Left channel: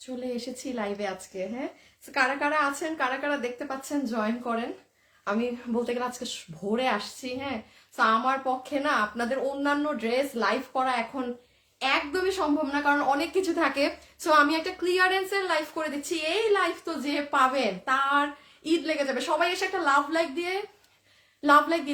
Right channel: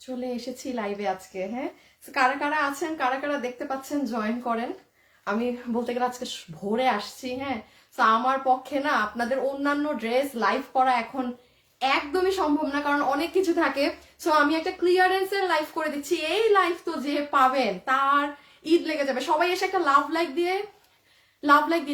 চলে এসেছি লাইভে আজকে। হ্যাঁ, কারা কারা আছেন, কারা কারা দেখতে পাচ্ছেন জয়েন করেন। আমি বলতে গেলে আজকে ভোরে আসছি। হ্যাঁ, তো আমার পক্ষে না আপনাদের অন্যান্য ড্রেস লাইভ করা এখন একদমই সম্ভব না, কারণ অনেক কিছু থাকে। সো আমি একটা ক্লিয়ারেন্সের লাইভ করে দিচ্ছি। এই লাইভ তো যে পাবেন তার ঈদ লেগে যাবে। সবাই এসে একটা লাভ লাইক দিয়ে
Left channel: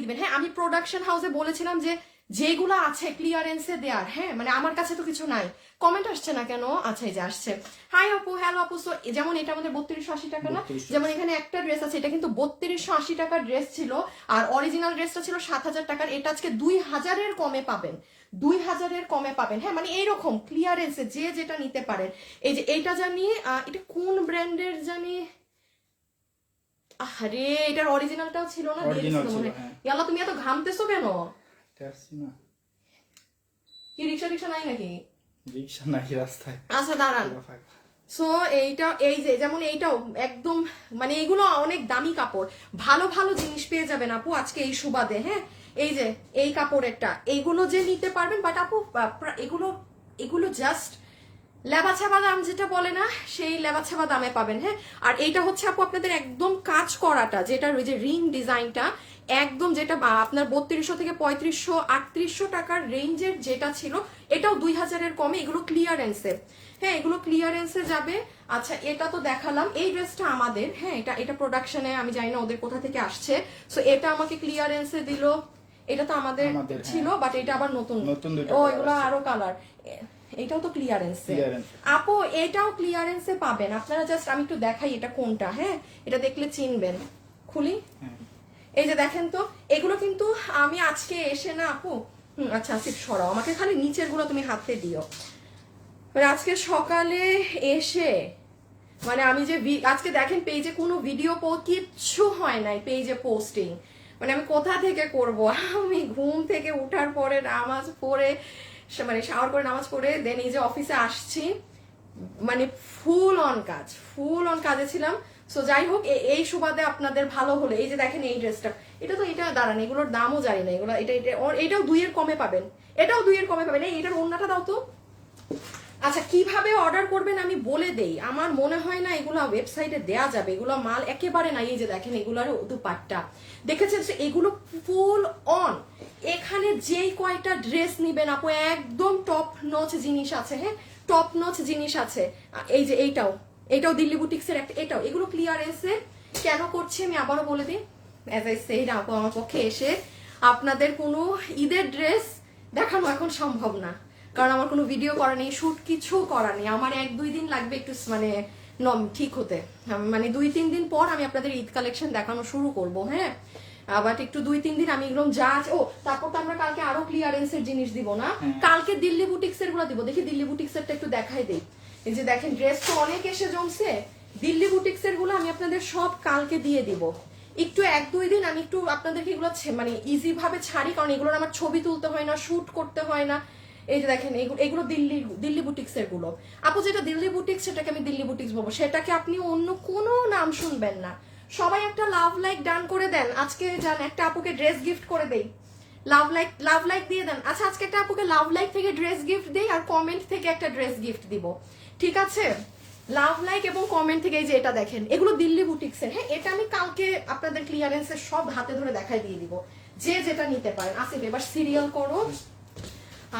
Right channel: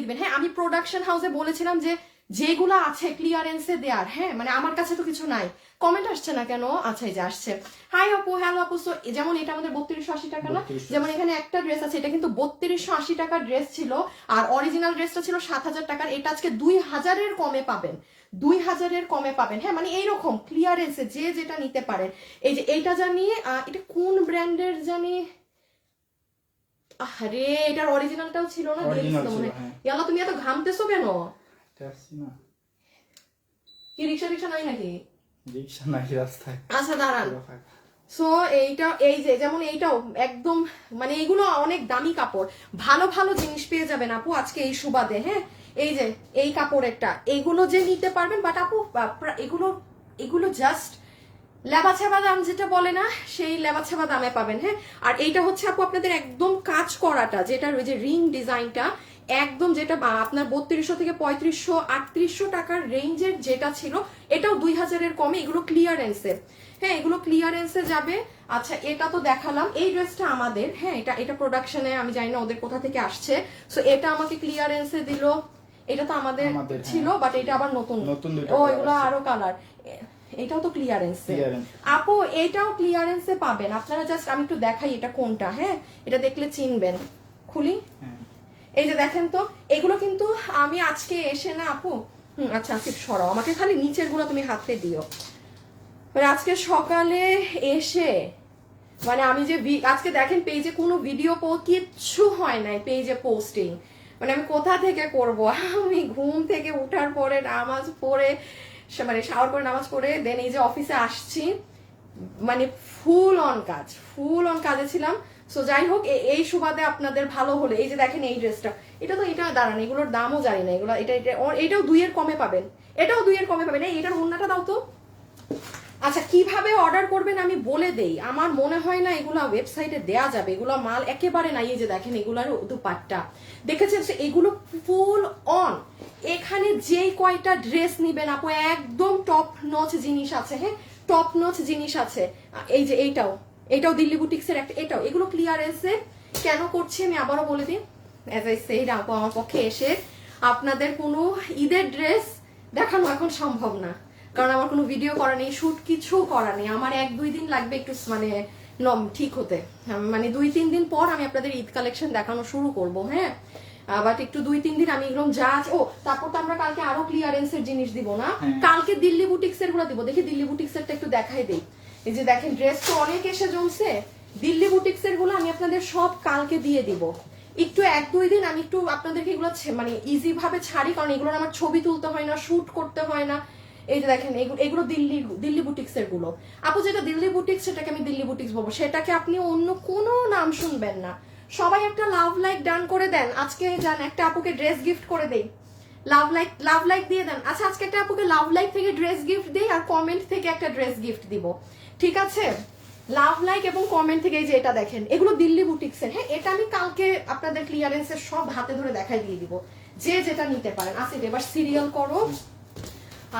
দিবেন। হ্যাঁ, আমি প্রোডাকশন হাউসে বলেছিলাম যে যেগুলো আছে ক্লিয়ারেন্সে দেয়ার। হ্যাঁ, মানে আমার কাছে তো কিছু নাই। কমেন্ট আসছে না কেন? আচ্ছা, এই যে আসছে। হাই আপু, হ্যালো আপু। সো যেমন এটা আমাদের 3280 টাকা না, যেমন এখানে একটা ড্রেস আছে, এটা কিন্তু 3280 টাকার ড্রেস ছিল, আর অরিজিনাল ড্রেসটা ছিল 7000 টাকার। এটা আজকে 2000-এর কমে পাবেন, 2000-এর কমে পাবেন। হ্যাঁ, মানে এইরকম ক্লিয়ারেন্সে যে যেটা নিতে পারেন। এই যে এইটা জানি, এটা কোন ব্র্যান্ডের জানি, আরে এটার অরিজিনালটাও ছিল না, দিয়ে দিছিল মনে হয়। ইয়ালা, তুমি এত ঘামতেছো কেন? কি রিক্সা রিক্সা নাই নাকি? রিক্সা নাই রাস্তায়। আচ্ছা দাঁড়ান। সো এইটা, এই যে যেমন এইটাও একদম, মানে এগুলো অনেক দামি কাপড়, ভালো ভালো জিনিস পেয়ে যাবেন আপু আজকে এই সুবাদে। হ্যাঁ, এই যে এই কাপড়েরটা, এগুলো যে নিতে পারবেন, বাট আপু এগুলো জাস্ট লেবাছাবা দাম যেটা বলে না, সেই লেবাছাবা দামে পাবেন। হ্যাঁ, আর এইটা হচ্ছে আপু আপনাদের একদম কাজ করাটা, যেটা ওই যে রিং ডিজাইনটা একদম, যেটা আপনার 3200 থেকে 3500 3800 টাকার রেঞ্জের যেটা ছিল, এটাও 2000-এর কমে। এগুলো ক্লিয়ারেন্সে। হ্যাঁ, এগুলো ক্লিয়ারেন্সে যাবে। আচ্ছা, এটা তো দেখালাম। এই ড্রেসটা আমাদের। হ্যাঁ, এটা প্রোডাকশনে, আমি জানি না ওদের কোথা থেকে আসছে। সো এটা আমাকে ক্লিয়ারেন্সে দিল। এটা তো আমাদের ছিল, বাট এটা আবার নতুন। ও, এগুলো আরো কালার। এটাও তো ক্লিয়ারেন্সে আপু, এটাও ক্লিয়ারেন্সে পাবেন আপনারা। জাস্ট আমি একটু দেখাই এটা কোনটা। হ্যাঁ, এটা দেখলে চিনবেন। খুলি, এই যে দেখেন তো, এগুলো কিন্তু আমি আজকে এসে না আপু, আচ্ছা আচ্ছা সরাও, আমাকে খালি নিচের গুলো তুমি হাতে দিও। আজকে সকালে এসে, মানে আমি যে আজকে দেখেন পেজে কোনো ভিডিও কিচ্ছু হয় নাই পেজে পোস্টিং। মানে আমি কোথা থেকে করব? আমি ঘুম থেকে উঠার পরে নামাজ পড়ে, মানে শাওয়ার করে নামাজ পড়ে দেন এই যে অফিসে আসছি, মানে ফুল অন কাজে ছিলাম। সো যাই হোক, এই সুবাদে আপনাদের ভালো হলে, এই যে দেখেন এই ড্রেসটা, এটা তো, এটা দাঁড়ান, এগুলোর দামও জানি না। এগুলো এটাও 2-এর কমে পাবেন, এটাও 2-এর কমে পাবেন। এইটার ওন্নাটা দাও তো। আচ্ছা, কিভাবে অর্ডার করবেন আমি বলে দেই। আমার মনে হয় না এগুলো ওয়েবসাইটে দেয়া যাবে, এগুলো মাল একেবারে নাই। এই যে দেখেন এগুলার দুপাট্টা দেখেছেন, এগুলো ফুল অন। এখানে যেই কয়টা ড্রেস নিবেন আপু, একদম টপ নচ জিনিস আছে। হ্যাঁ, টপ নচ জিনিস আছে। এই যে এইটাও দিল্লি বুটিক্সের একটা, এগুলো ক্লিয়ারেন্সের। কেন করছি আমি আবারও বলে দিই। অ্যাজ আই সেড আপু, আমার পক্ষে এসে আপনাদের কোনো ঈদের ড্রেস দেখানো এখন সম্ভব না, কারণ আমার কোনো ভিডিও করা নেই, শুট কিছু করা নেই। আমার 1-2 দিন লাগবে একটু মানে ঠিক হতে, মানে 2-3 দিন পর আমি আপনাদের ঈদ কালেকশন দেখানো শুরু করব। হ্যাঁ, আবার একটু 2-3 দিন আমি এরকম যা আছে। ও, তারপর তো আমরা কালকে আরো ক্লিয়ারেন্সের জিনিস দিব না, কালকে দিল্লি বুটিক্সের গুলো দিব। দেখি দিল্লি বুটিক্সেরটা একটু দেখাই দিই। এই যে দেখেন, ড্রেস তো অনেক এসে জমছে। দিল্লি বুটিক্সের গুলো আমি আপনাদের সব কালকে দিয়ে দিব। একটু 1-2 দিন আমি একটু আপনাদেরকে এগুলো মানে ইজি ভাবে ছাড়ি, কারণ এগুলোর আমার ছবি তুলতে হয় না, শুট করতে হয় না। এই যে দেখেন, এগুলো দিল্লি বুটিক্স এর গুলো আপু। যেটা দিল্লি বুটিক্স সেটাকে আমি দিল্লি বুটিক্স বলবো, সেটাকে আপনি অন্য কোনো নাম শুনবেন না। সবাই একটা লাভ লাইক ডান করে দেন আজকে। যান একটা আপুকে ড্রেস গিফট করে দেই, লাভ লাইক দিয়ে দেন। আচ্ছা, আজকে একটা আপুকে লাভ লাইক থেকে ড্রেস গিফট দিই, আর কমেন্ট থেকে একটা ড্রেস গিফট দিব, ঠিক আছে? লাভ লাইক এবং কমেন্ট থেকে। এই যে এটা দেখেন, এগুলো দিল্লি বুটিক্স এর। হ্যাঁ, এটা আমি কালকে আপনাদের ক্লিয়ারেন্সের সব হাতে ধরে দেখাই দিয়ে দিব, যে যেটা নিতে পারেন। আসিফ, এবার সিরিয়াল করো।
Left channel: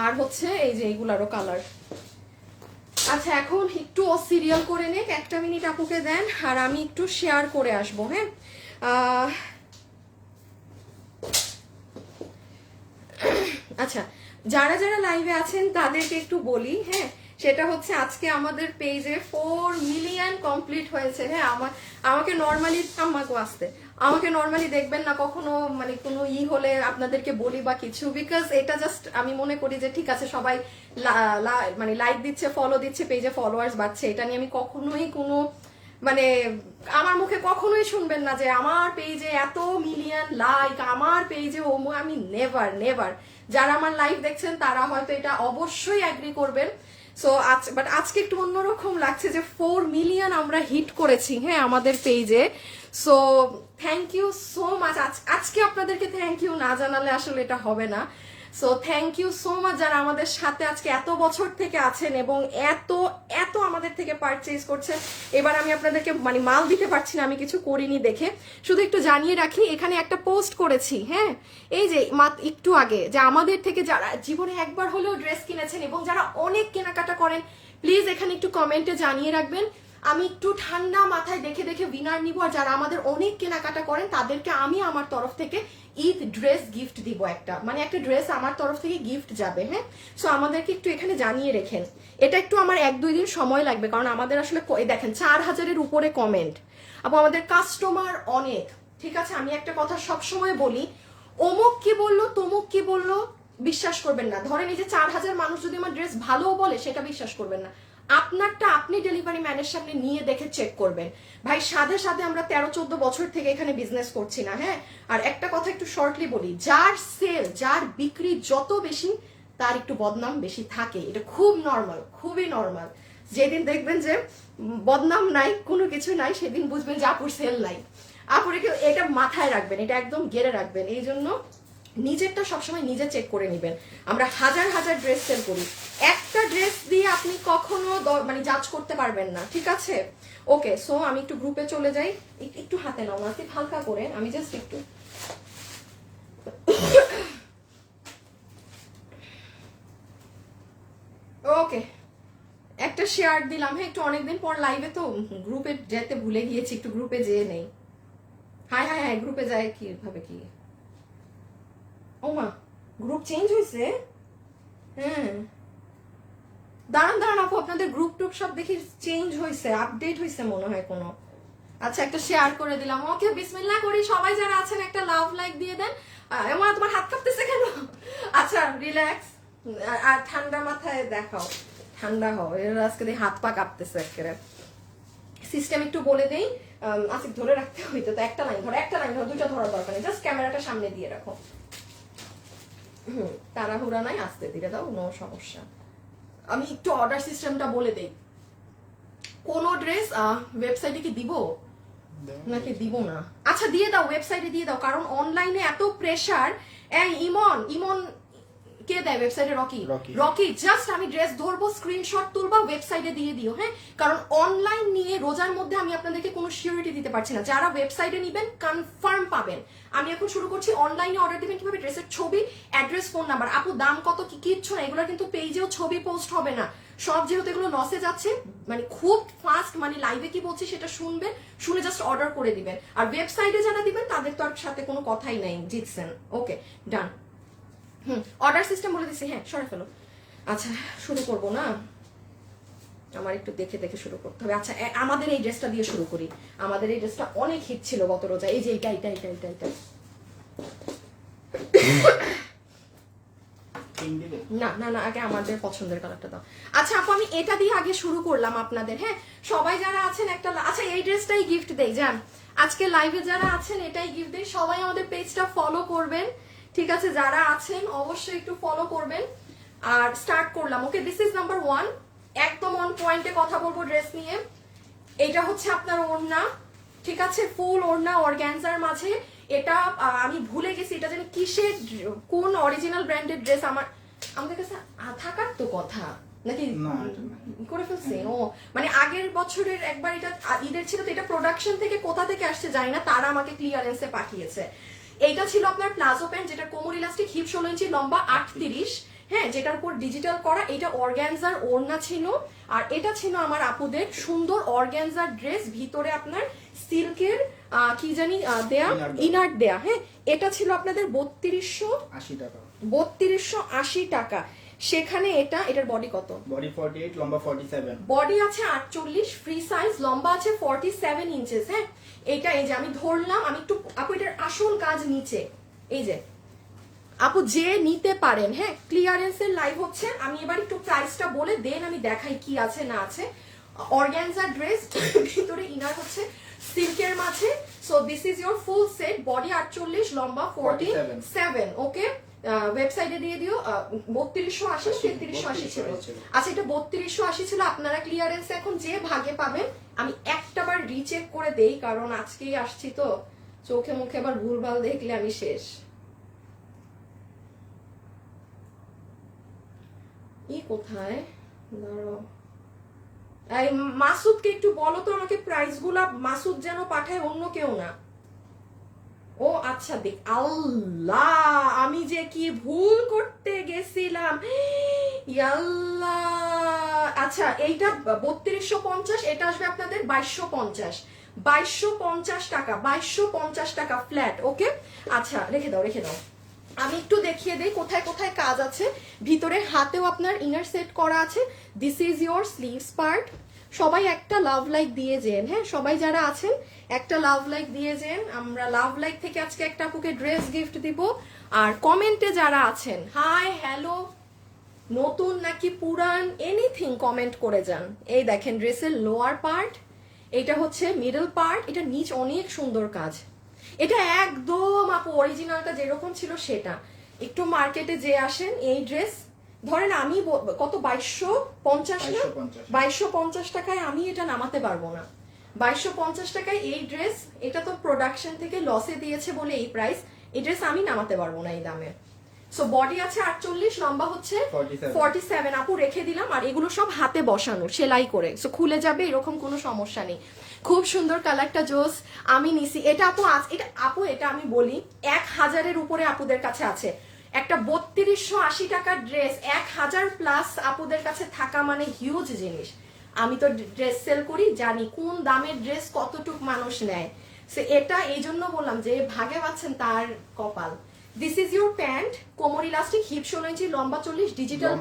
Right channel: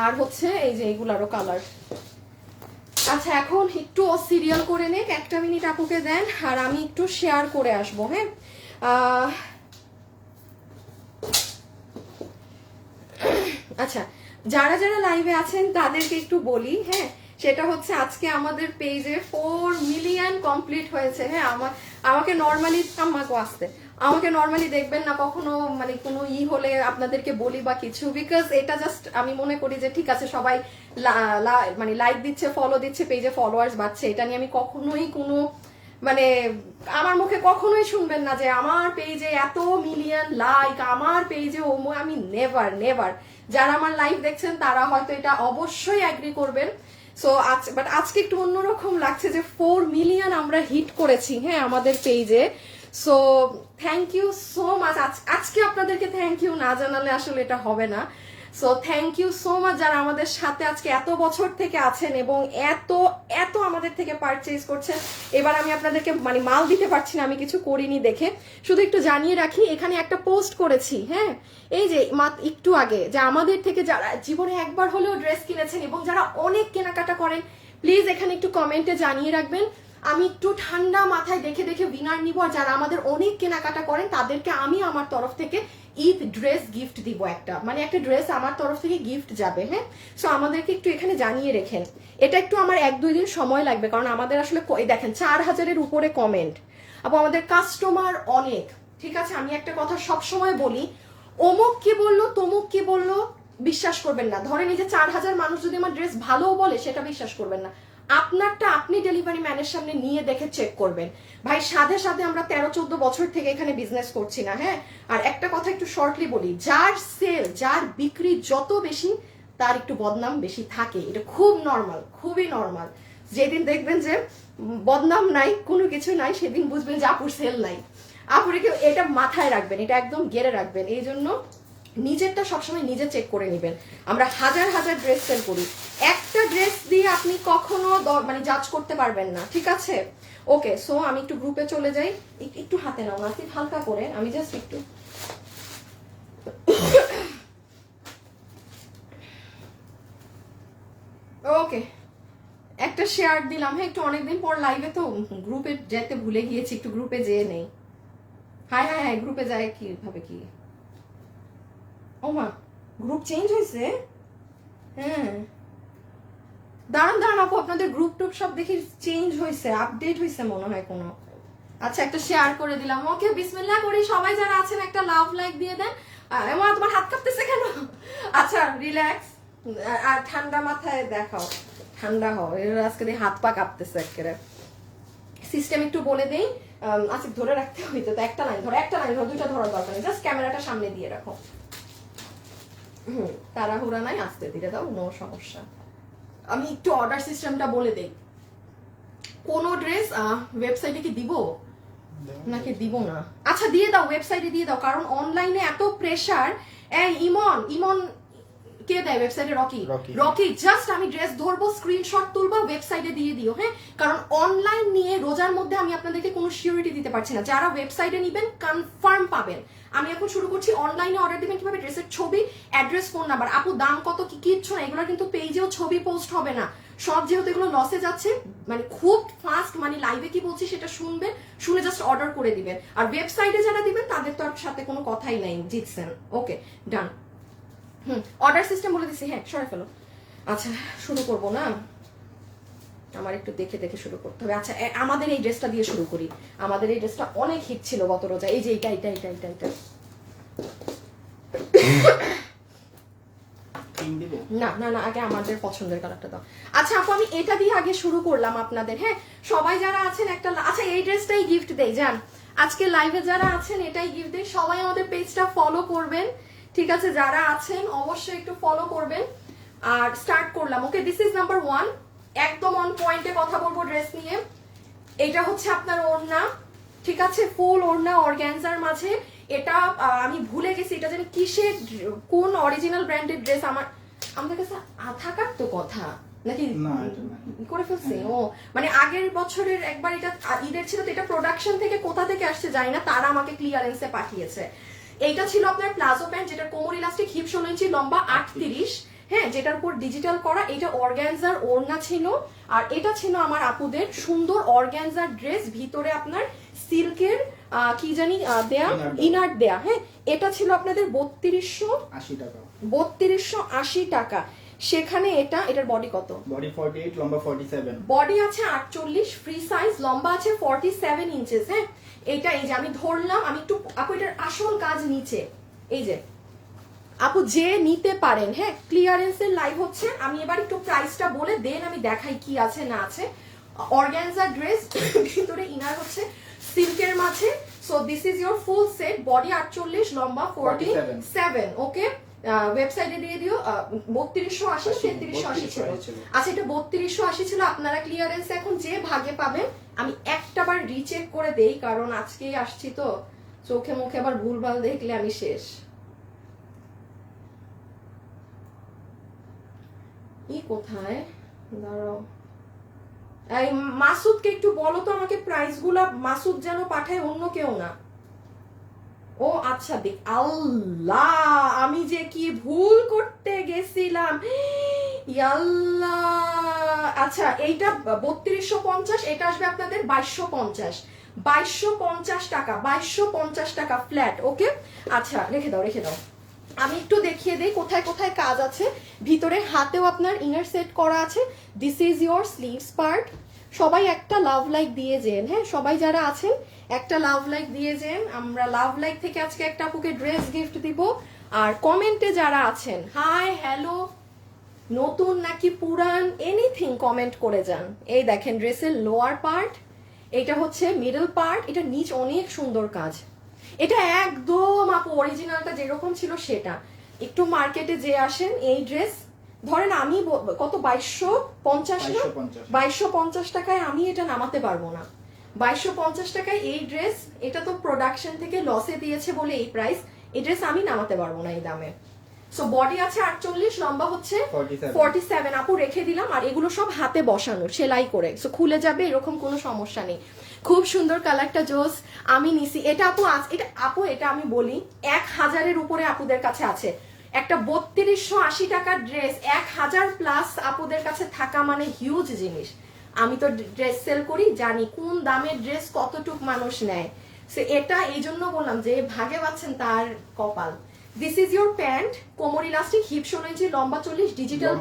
আর হচ্ছে এই যে এইগুলারও কালার। আচ্ছা, এখন একটু সিরিয়াল করে নেক, 1 মিনিট আপুকে দেন, আর আমি একটু শেয়ার করে আসবো। হ্যাঁ, আচ্ছা, যারা যারা লাইভে আছেন তাদেরকে একটু বলি। হ্যাঁ, সেটা হচ্ছে আজকে আমাদের পেজে 4 মিলিয়ন কমপ্লিট হয়েছে। হ্যাঁ, আমাকে নর্মালি দেখবেন না কখনো, মানে কোনো হলে আপনাদেরকে বলি বা কিছু, বিকজ এটা জাস্ট আমি মনে করি যে ঠিক আছে, সবাই মানে লাইক দিচ্ছে, ফলো দিচ্ছে, পেজে ফলোয়ার্স বাড়ছে, এটা নিয়ে আমি কখনোই কোনো, মানে আমার মুখে কখনোই শুনবেন না যে আমার পেজে এত মিলিয়ন লাইক, আমার পেজে আমি নেভার। যারা আমার লাইভ দেখছেন তারা হয়তো এটা অবশ্যই অ্যাগ্রি করবেন। সো বাট আজকে একটু অন্যরকম লাগছে যে 4 মিলিয়ন আমরা হিট করেছি। হ্যাঁ, আমাদের পেজে। So thank you so much. আজকে আপনাদেরকে থ্যাংক ইউ না জানালে আসলে এটা হবে না। So thank you so much যারা আমাদের সাথে আজকে এত বছর থেকে আছেন এবং এত এত আমাদের থেকে পারচেজ করছেন। এবার আমি আপনাদেরকে মানে মাল দিতে পারছি না, আমি কিছু করিনি দেখে, শুধু একটু জানিয়ে রাখি এখানে একটা পোস্ট করেছি, হ্যাঁ এই যে একটু আগে, যে আমাদের থেকে যারা জীবনে একবার হলেও ড্রেস কিনেছেন এবং যারা অনেক কেনাকাটা করেন, প্লিজ এখানে একটু কমেন্টে জানিয়ে রাখবেন। আমি একটু ঠান্ডা মাথায় দেখে দেখে উইনার নিব, আর যারা আমাদের অনেক কেনাকাটা করেন তাদেরকে আমি আমার তরফ থেকে ঈদ ড্রেস গিফট দিব, একটা মানে একটা ড্রেস আমার তরফ থেকে গিফট যাবে। হ্যাঁ, সো আমাদেরকে একটু এখানে জানিয়ে রেখেন। এটা একটু আমার 1-2 দিন সময় লাগবে, কারণ আমাদের আসলে দেখেন 4000-এর উপরে কমেন্ট, আবার আমাদের কাস্টমার অনেক। ঠিক আছে, আমি একটা কথা সব সময় বলি, অমুক কি বললো তমুক কি বললো বিশ্বাস করবেন না। ধরেন এই যে 4000 মানুষ যদি আমার ড্রেস ভালো বলে, সেটা বিশ্বাস করবেন না। আপনারটা আপনি ডেলিভারি ম্যানের সামনে নিয়ে দেখে চেক করবেন। ভাই সাথে সাথে আমরা 13-14 বছর থেকে এখানে বিজনেস করছি না। হ্যাঁ, আর একটা কথা একটু শর্টলি বলি, যার সেল যার বিক্রি যত বেশি তার একটু বদনাম বেশি থাকে, এটা খুব নর্মাল, খুবই নর্মাল। যেদিন দেখবেন যে বদনাম নাই, কোনো কিছু নাই, সেদিন বুঝবেন যে আপুর সেল নাই। আপুর এটা মাথায় রাখবেন, এটা একদম গেড়ে রাখবেন। এই জন্য নিজেরটা সবসময় নিজে চেক করে নেবেন। আমরা হাজার হাজার ড্রেস সেল করি, একটা ড্রেস দিয়ে আপনি কখনো মানে জাজ করতে পারবেন না। ঠিক আছে, ওকে। সো আমি একটু গ্রুপে চলে যাই, একটু হাতে নাও না, হালকা করে, আমি জাস্ট একটু ওকে একটা শেয়ার দিলাম। হ্যাঁ, একটু অনেকদিন পর লাইভে তো গ্রুপে যেতে ভুলে গিয়েছি, একটু গ্রুপে যেয়ে নেই। হ্যাঁ হ্যাঁ হ্যাঁ, গ্রুপে যায় কিভাবে কি, ও মা গ্রুপ চেঞ্জ হয়েছে। হ্যাঁ, দাঁড়ান দাঁড়ান আপু, আপনাদের গ্রুপ টুপ সব দেখি চেঞ্জ হয়েছে, আপডেট হয়েছে মনে হয় কোনো। আচ্ছা, একটা শেয়ার করে দিলাম। ওকে, বিসমিল্লাহ করি। সবাই যারা আছেন একটা লাভ লাইক দিয়ে দেন। এমন তোমার হাত কাঁপতেছে কেন? আচ্ছা, রিল্যাক্স আর ঠান্ডা মাথায় দেখাও, ঠান্ডা হও। আজকে হাত পা কাঁপতেছে একটা। সিস্টেম একটু বলে দেই, আজকে ধরে রাখতে হইতো তো, একটা লাইন ধরো, একটা লাইন ধরো, দুইটা ধরার দরকার নেই, জাস্ট ক্যামেরাটা সামনে দিয়ে রাখো। তাড়াহুড়া নাই, আস্তে ধীরে দাও, নো সমস্যা। আমি একটু অর্ডার সিস্টেমটা বলে দেই। কোন ড্রেস ওয়েবসাইটে কি দিব নাকি দিব না? আচ্ছা দিয়ে দাও, ওয়েবসাইটে দিয়ে দাও, কারণ অনলাইনে এত প্রেসার। ইমন ইমন কে দেয় ওয়েবসাইটে? রকি। জাস্ট আমি ড্রেস ধরবো, স্ক্রিনশট তুলবো, ওয়েবসাইটে দিয়ে দিও। হ্যাঁ, কারণ অনলাইন নিয়ে রোজার মধ্যে আমি আপনাদেরকে কোনো সিউরিটি দিতে পারছি না। যারা ওয়েবসাইটে নিবেন কনফার্ম পাবেন। আমি এখন শুরু করছি, অনলাইনে অর্ডার দিবেন কিভাবে, ড্রেসের ছবি, অ্যাড্রেস, ফোন নাম্বার। আপু দাম কত কি কিচ্ছু না, এগুলো কিন্তু পেজেও ছবি পোস্ট হবে না। সব যেহেতু এগুলো লসে যাচ্ছে, মানে খুব ফাস্ট, মানে লাইভে কি বলছি সেটা শুনবেন, শুনে জাস্ট অর্ডার করে দিবেন। আর ওয়েবসাইটে যারা দিবেন তাদের তো আর সাথে কোনো কথাই নাই, জিতছেন। ওকে ডান। অর্ডার সিস্টেম বলে দিচ্ছি। হ্যাঁ, সরে ফেলো। আচ্ছা, শুরু করব না, আমার একটু দেখে দেখে শুরু করতে হবে। আচ্ছা, আমাদের এই ড্রেসটা দিয়ে শুরু করি। আমাদের এই ড্রেসটা অনেক হিট ছিল গত রোজা। এই যে এটা এটা এটা এটা এটা না না না, আগে আমাদের পছন্দের কালারটা দাও। আচ্ছা আপু, আমি এটা দিয়ে আগে শুরু করলাম আপনাদের। হ্যাঁ, সবাই যারা আছেন একটা, আচ্ছা এই ড্রেসটাই গিফট দেই যান। আজকে লাইভে যারা আছেন এটাই গিফট দেই। সবাই আমাদের পেজটা ফলো করবেন। ঠিক আছে, যারা আছেন অবশ্যই একটু ফলো করবেন। আর স্টার্ট করলাম। ওকে, দিস ইজ নাম্বার 1। একদম অন পয়েন্টে কথা বলবো ড্রেস নিয়ে। এটা হচ্ছে আপনার ওড়না। ঠিক আছে, ফুল ওড়না অর্গানজার মাঝে। এটা আমি ভুলে গেছি এটা যেন কিসের, কোন অরিজিনাল ব্র্যান্ডের ড্রেস। আমাদের কাছে থাকার তো কথা নাকি করে ফেলছে। ও মানে আগের বছরের একবার এটা ঈদের ছিল তো, এটা প্রোডাকশন থেকে কোথা থেকে আসছে জানি না, তারা আমাকে ক্লিয়ারেন্সে পাঠিয়েছে। এইটা ছিল আপনার প্লাজো প্যান্ট, যেটা কোমর ইলাস্টিক, হিপ 16 ইঞ্চি, লম্বা 38। হ্যাঁ, যেটার উপর ডিজিটাল করা। এটা অর্গানজার ওড়না ছিল। আর এটা ছিল আমার আপুদের সুন্দর অর্গানজার ড্রেস, ভিতরে আপনার সিল্কের কি জানি দেয়া, ইনার দেয়া। হ্যাঁ, এটা ছিল আপনাদের 3280 টাকা। সেখানে এটার বডি কত? বডি 48, লম্বা 47। বডি আছে 48, ফ্রি সাইজ, লম্বা আছে 47 ইঞ্চেস। হ্যাঁ, এটা এই যে আমি ধরলাম, আমি একটু আপু এটার আসল কাজ নিচে, এই যে আপু যে নিতে পারেন। হ্যাঁ, ক্লিয়ারেন্সের লাইভ হচ্ছে। আমি এবার একটু প্রাইসটা বলে দেন, আমি দেখাই কি আছে না আছে। অর্গানজা ড্রেস, ভিতরে ইনার হচ্ছে সিল্কের মাঝে। So this is your full set. Body 48, লম্বা 47। ওকে, ওয়েবসাইটে দিয়ে দিও। 3280 3380 ছিল। আচ্ছা, এটা 3280 ছিল। আপনারা ক্লিয়ারেন্স এখন যে ভাগে পাবেন, আমি একটাবার রিচেক করে দেই, কারণ আজকেই আসছি তো, চোখে মুখে আবার ভুলভাল দেখলে আমি শেষ। কোথায় দাঁড়াও, এই মাসুদকে একটু বলো তো আমাকে প্রাইস গুলা, মাসুদ যেন পাঠায়, অন্য কেউ না। ও আচ্ছা, দেখ আল্লাহ, আমি যে কি ভুল করতে গেছিলাম, ইয়াল্লাহ। আচ্ছা এইটা 3250, এটা আসবে আপনাদের 2250, 2250 টাকা, 2250 টাকা ফ্ল্যাট। ওকে, আচ্ছা রেখে দাও রেখে দাও। আমি একটু দেখিয়ে দিই কোথায় কোথায় কাজ আছে। ভিতরে হাতেও আপনার ইনার সেট করা আছে। This is your sleeves part. সবাই একটা লাভ লাইক দিয়ে যেন, হ্যাঁ সবাই যারা আছেন একটা লাভ লাইক দিয়ে যেন। আমরা লাভ লাইক থেকে আজকে একটা আপুকে ড্রেস গিফট দিব। আর কমেন্টে যারা আছেন হাই হ্যালো, নতুন নাকি পুরান, এনিথিং কমেন্ট করে যান। এই দেখেন ড্রেসের লোয়ার পার্ট, এটা হচ্ছে মিডল পার্ট, এটা নিচ অনেক সুন্দর কাজ। এটা একদম আপু অরিজিনালটা যেরকম ছিল সেটা। একটু মার্কেটে যে আসেন এই ড্রেস ধরেন আমি কত 2250 না, 2250 টাকায় আমি এটা নামাতে পারবো না। 2250 টাকায় এই ড্রেস, এটা তো প্রোডাকশন থেকে লসে দিয়েছে বলে এই প্রাইস, এই ড্রেস আমি নামাতে পারবো না এই দামে। সো বডি আছে 48, লম্বা হচ্ছে 47। আপু রেখে দিলাম। আর এগুলো সব হাতে বসানো সেলাই করে, সো খুলে যাবে, এরকম কোনো সমস্যা নেই। খুব সুন্দর কালারটা জোস। আমি নিছি এটা আপু, এটা আমি বলি 1000-এর উপরে আপুদের কাছে আছে। একটা 3280 টাকার ড্রেস 1000 প্লাস আপুদের কাছে থাকা মানে হিউজ জিনিস। আমি তো ড্রেস সেল করি, জানি কোন দামের ড্রেস কতটুক মানুষ নেয়। সো এটা এই জন্য বললাম যে ভাগে পাচ্ছেন তার কপাল। দিস ইজ ইউর প্যান্ট, কোমর ইলাস্টিক, হিপ 16 ইঞ্চি, লম্বা 40, ডিজিটাল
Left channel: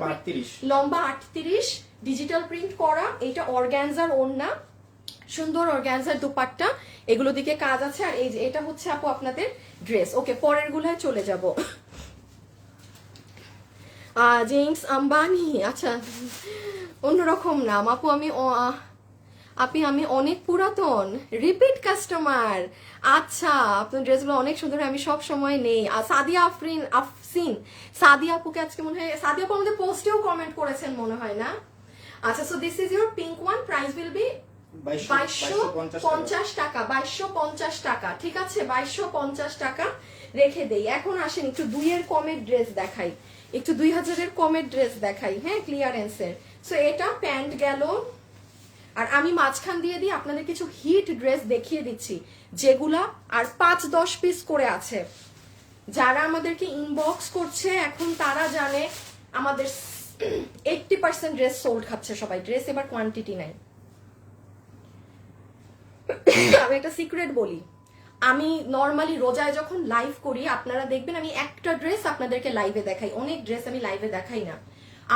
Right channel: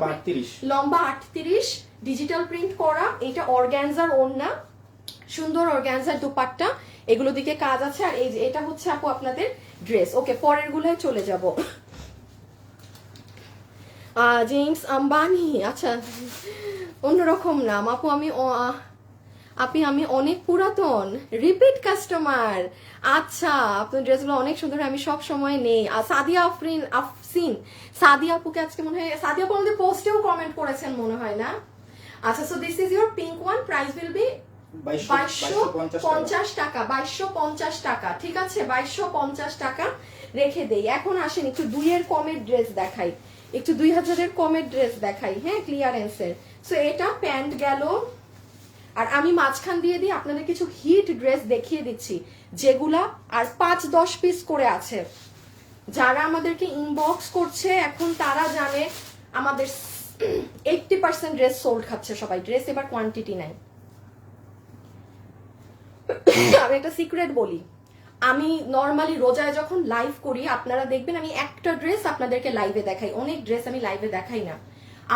লম্বা 38, ডিজিটাল প্রিন্ট করা। এটা অর্গানজার ওড়না, সুন্দর অর্গানজার দুপাট্টা, এগুলো দিকে কাজ আছে। আর এই যে এটা হচ্ছে আপু আপনাদের ড্রেস। ওকে, পরের গুলায় চলে যাব। জেমস আম্বানি, আচ্ছা অন্যরকম নাম আপু। আমি অনেক পুরাতন রিপিট কাস্টমার। আচ্ছা আপনার ড্রেসগুলো অনেক সুন্দর, আমি সব সময় নেই। সাদিয়া আফরিন, সাদিয়া আপুকে আজকে মনে হয়, সাদিয়া আপু আমাদের পোস্টেও কমেন্ট করেছেন মনে হয় না। আচ্ছা, so this is your pink one, price will be 2250 টাকা, 2250 টাকা, ঠিক আছে 2250 টাকা রেখে দেই। এখন আসেন একটু 2-এর কমের ড্রেস দেখাই, একটু 2000-এর কমের ড্রেস দেখাই, হ্যাঁ ক্লিয়ারেন্সের। সো এটা প্যান্ট গেল। আর আমি মাঝখান দিয়ে দিয়ে আপনাদের কিছু হিট ড্রেস দেখিয়ে দিচ্ছি যেগুলা আর 5-10 পিস করে আছে। যারা আমাদেরকে ইনবক্স করছে এখন তারা জানে আমাদের 80% ড্রেস সোল্ড খাচ্ছে সবাই, ড্রেস এবার কোয়ান্টিটি নাই। আমি একটা সিক্রেট বলি, আমি নর্মালি রোজায় যখন লাইভ করি আপনারা দেখবেন আমি একটা ড্রেস আপনাদেরকে লাইভে দেখাই, অনেক ড্রেস আমি লাইভে দেখাই না।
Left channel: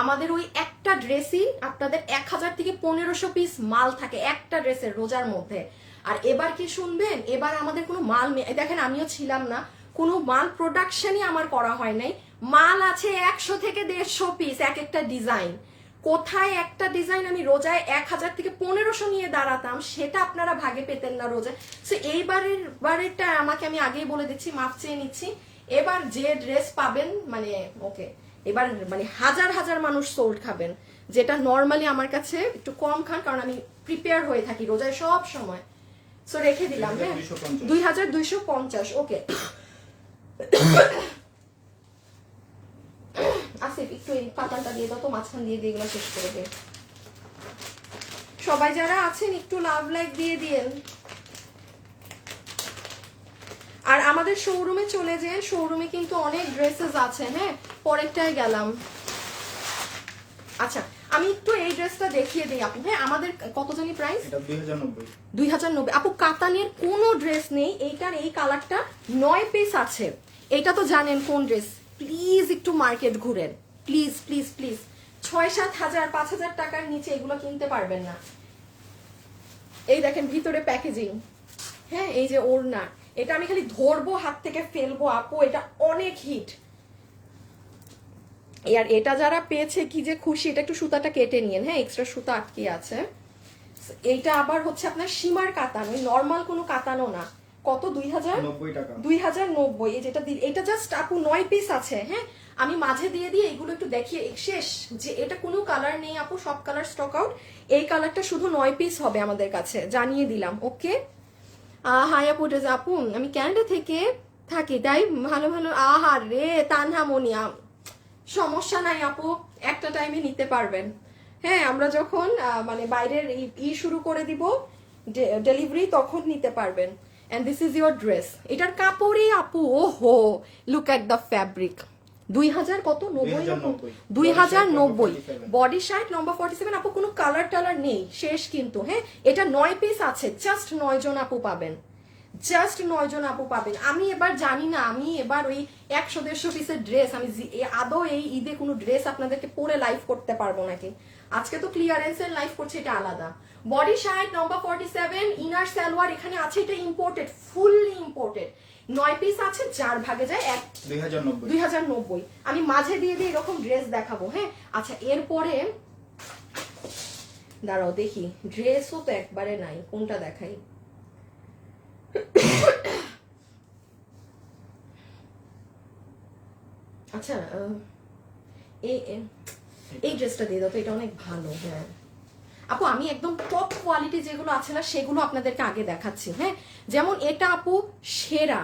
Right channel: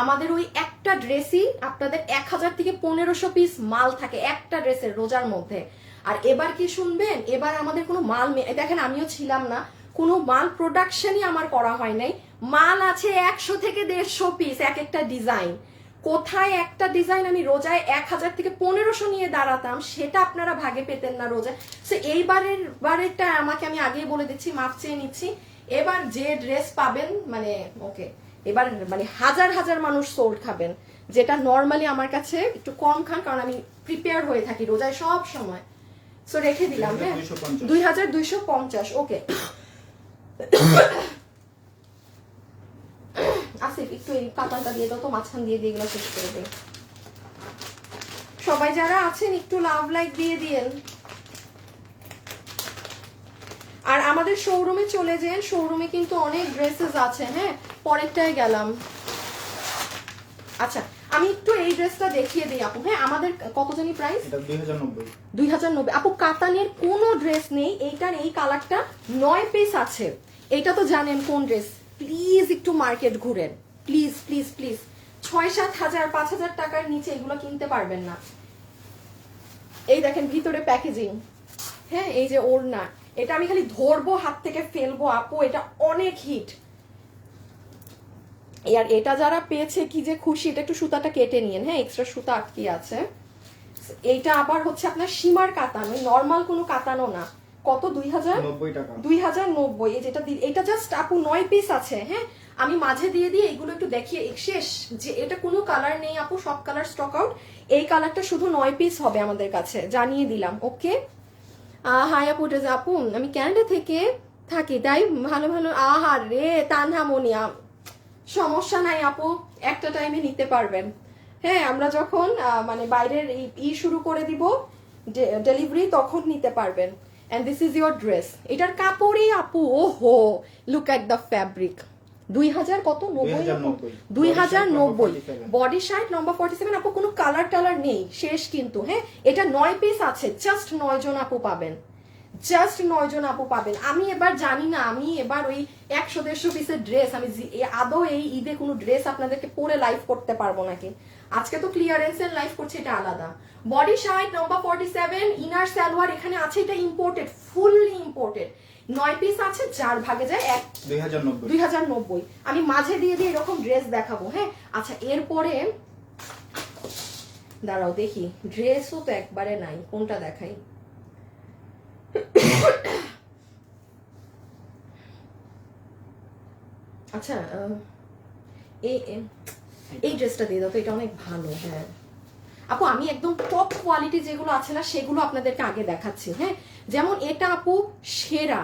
আমাদের ওই একটা ড্রেসই আপনাদের 1000 থেকে 1500 পিস মাল থাকে একটা ড্রেসের রোজার মধ্যে। আর এবার কি শুনবেন, এবার আমাদের কোনো মাল দেখেন, আমিও ছিলাম না, কোনো মাল প্রোডাকশনই আমার করা হয় নাই। মাল আছে 100 থেকে 150 পিস এক একটা ডিজাইন। কোথায় একটা ডিজাইন আমি রোজায় 1000 থেকে 1500 নিয়ে দাঁড়াতাম, সেটা আপনারা ভাগে পেতেন না রোজায়। সো এইবারেরটা আমাকে আমি আগেই বলে দিচ্ছি, মাফ চেয়ে নিচ্ছি। এবার যে ড্রেস পাবেন মানে ওকে, এবার মানে হাজার হাজার মানুষ সোল্ড খাবেন, যেটা নর্মালি আমার কাছে একটু কম খান, কারণ আমি প্রিপেয়ার হয়ে থাকি রোজায় সব সময়। সো রেখে দিলাম, হ্যাঁ 2250। ওকে আসিফ একটু এই কাতানটা দিয়ে দাও তো, মাঝখান দিয়ে দিয়ে এগুলো শেষ করে দেয়। সবাই যারা আছেন একটু লাভ লাইক দিয়ে দিয়েন। আর আমাদের শোরুমে চলে যান, শোরুমে কিন্তু অনেক ড্রেসেস আছে। হ্যাঁ পরেরটায় গেলাম। আচ্ছা আমি একটু এই ড্রেসটা দেখিয়ে দিই আপু। হ্যাঁ আমাদের কত জানি প্রাইস, 2090। আপু কাতানের কোনো ড্রেস নেই, এইটার এই কালারটা 9 পিস আছে। এটা তো জানেন কোন ড্রেস। প্লিজ একটু মার্কেট ঘুরেন, প্লিজ প্লিজ প্লিজ। 6-7 হাজার 5,000 টাকার নিচে এগুলো কিনতে পারবেন না। এই দেখেন ভিতরে প্যাকেজিং, হ্যাঁ এই যে ওড়না, এটা আমি খালি ধরবো হাত থেকে ফেলবো আপু, এটা অনেক হিট। আর এটা যারা পেয়েছে কি যে খুশি। এটা একটু সুতাটা কেটে নিন, হ্যাঁ এক্সট্রা সুতা আটকে আছে। এইটা আবার হচ্ছে আপনার সীমার কাতানো, নর্মাল কোনো কাতানো না। কত 2090 টাকা, 2090। এই যেটা এটা জাস্ট আপু 9 পিস আছে। হ্যাঁ আমি মাঝে দিয়ে দিয়ে এগুলো একটু দেখিয়ে শেষ, যে এটা কোনো কালার নেই আপু, সব কালার স্টক আউট। এই কালারটা শুধু 9 পিস হবে আমাদের কাছে, জানিয়ে দিলাম। ওকে হাই আপু, আপু আমি ক্যান্ডে থেকে থাকি, তাই ভালো ভালো। আহা রে তানহা মনিয়া, সমস্যা নাই আপু, একটা টাইমে নিতে পারবেন। হ্যাঁ, আমরা যখন মানে বাইরের শুরু করে দিব ডেলিভারি, তখন নিতে পারবেন। And this is your dress. এটার কাপড়ই আপু, ওহো, লুক এট দ্য ফ্যাব্রিক। 2000 কত? 2090। বডি সাইজ লম্বা 47। আপু কোনো কালার টালার নেই, শেষ কিন্তু। হ্যাঁ, এটা 9 পিস আছে, জাস্ট 9 জন আপু পাবেন, জাস্ট 9 জন আপু পাবেন। আমি এবার জানি না, আমি এবার ওই 100-150 পিসের ড্রেস আমি আদৌ এই ঈদে কোনো ড্রেস আপনাদেরকে পরে লাইভ করতে পারবো নাকি। আজকে তো ক্লিয়ারেন্সের লাইভ করছে, এটা আলাদা। বডি সাইজ লম্বা 47, ইনার সালোয়ার এখানে আছে, এটা ইম্পোর্টেড, ফুললি ইম্পোর্টেড। 9 পিস আছে, যার ভাগে যায় 2090। আমি মাঝে দিয়ে দিয়ে এরকম ড্রেস দেখাবো। হ্যাঁ, আচ্ছা, এরপরে দাঁড়াও দেখি, ড্রেসও তো একবারে নাই, কোনটা দেখাই। আচ্ছা, এই ড্রেসটা দিয়ে দাও তো, এটা অনেক ভালো। হ্যাঁ আপু, আমি একদম টপ কোয়ালিটি যেগুলো আছে না, সেগুলো আপনাদেরকে আগে দেখাচ্ছি। হ্যাঁ, যেমন এটা আপু সেরা।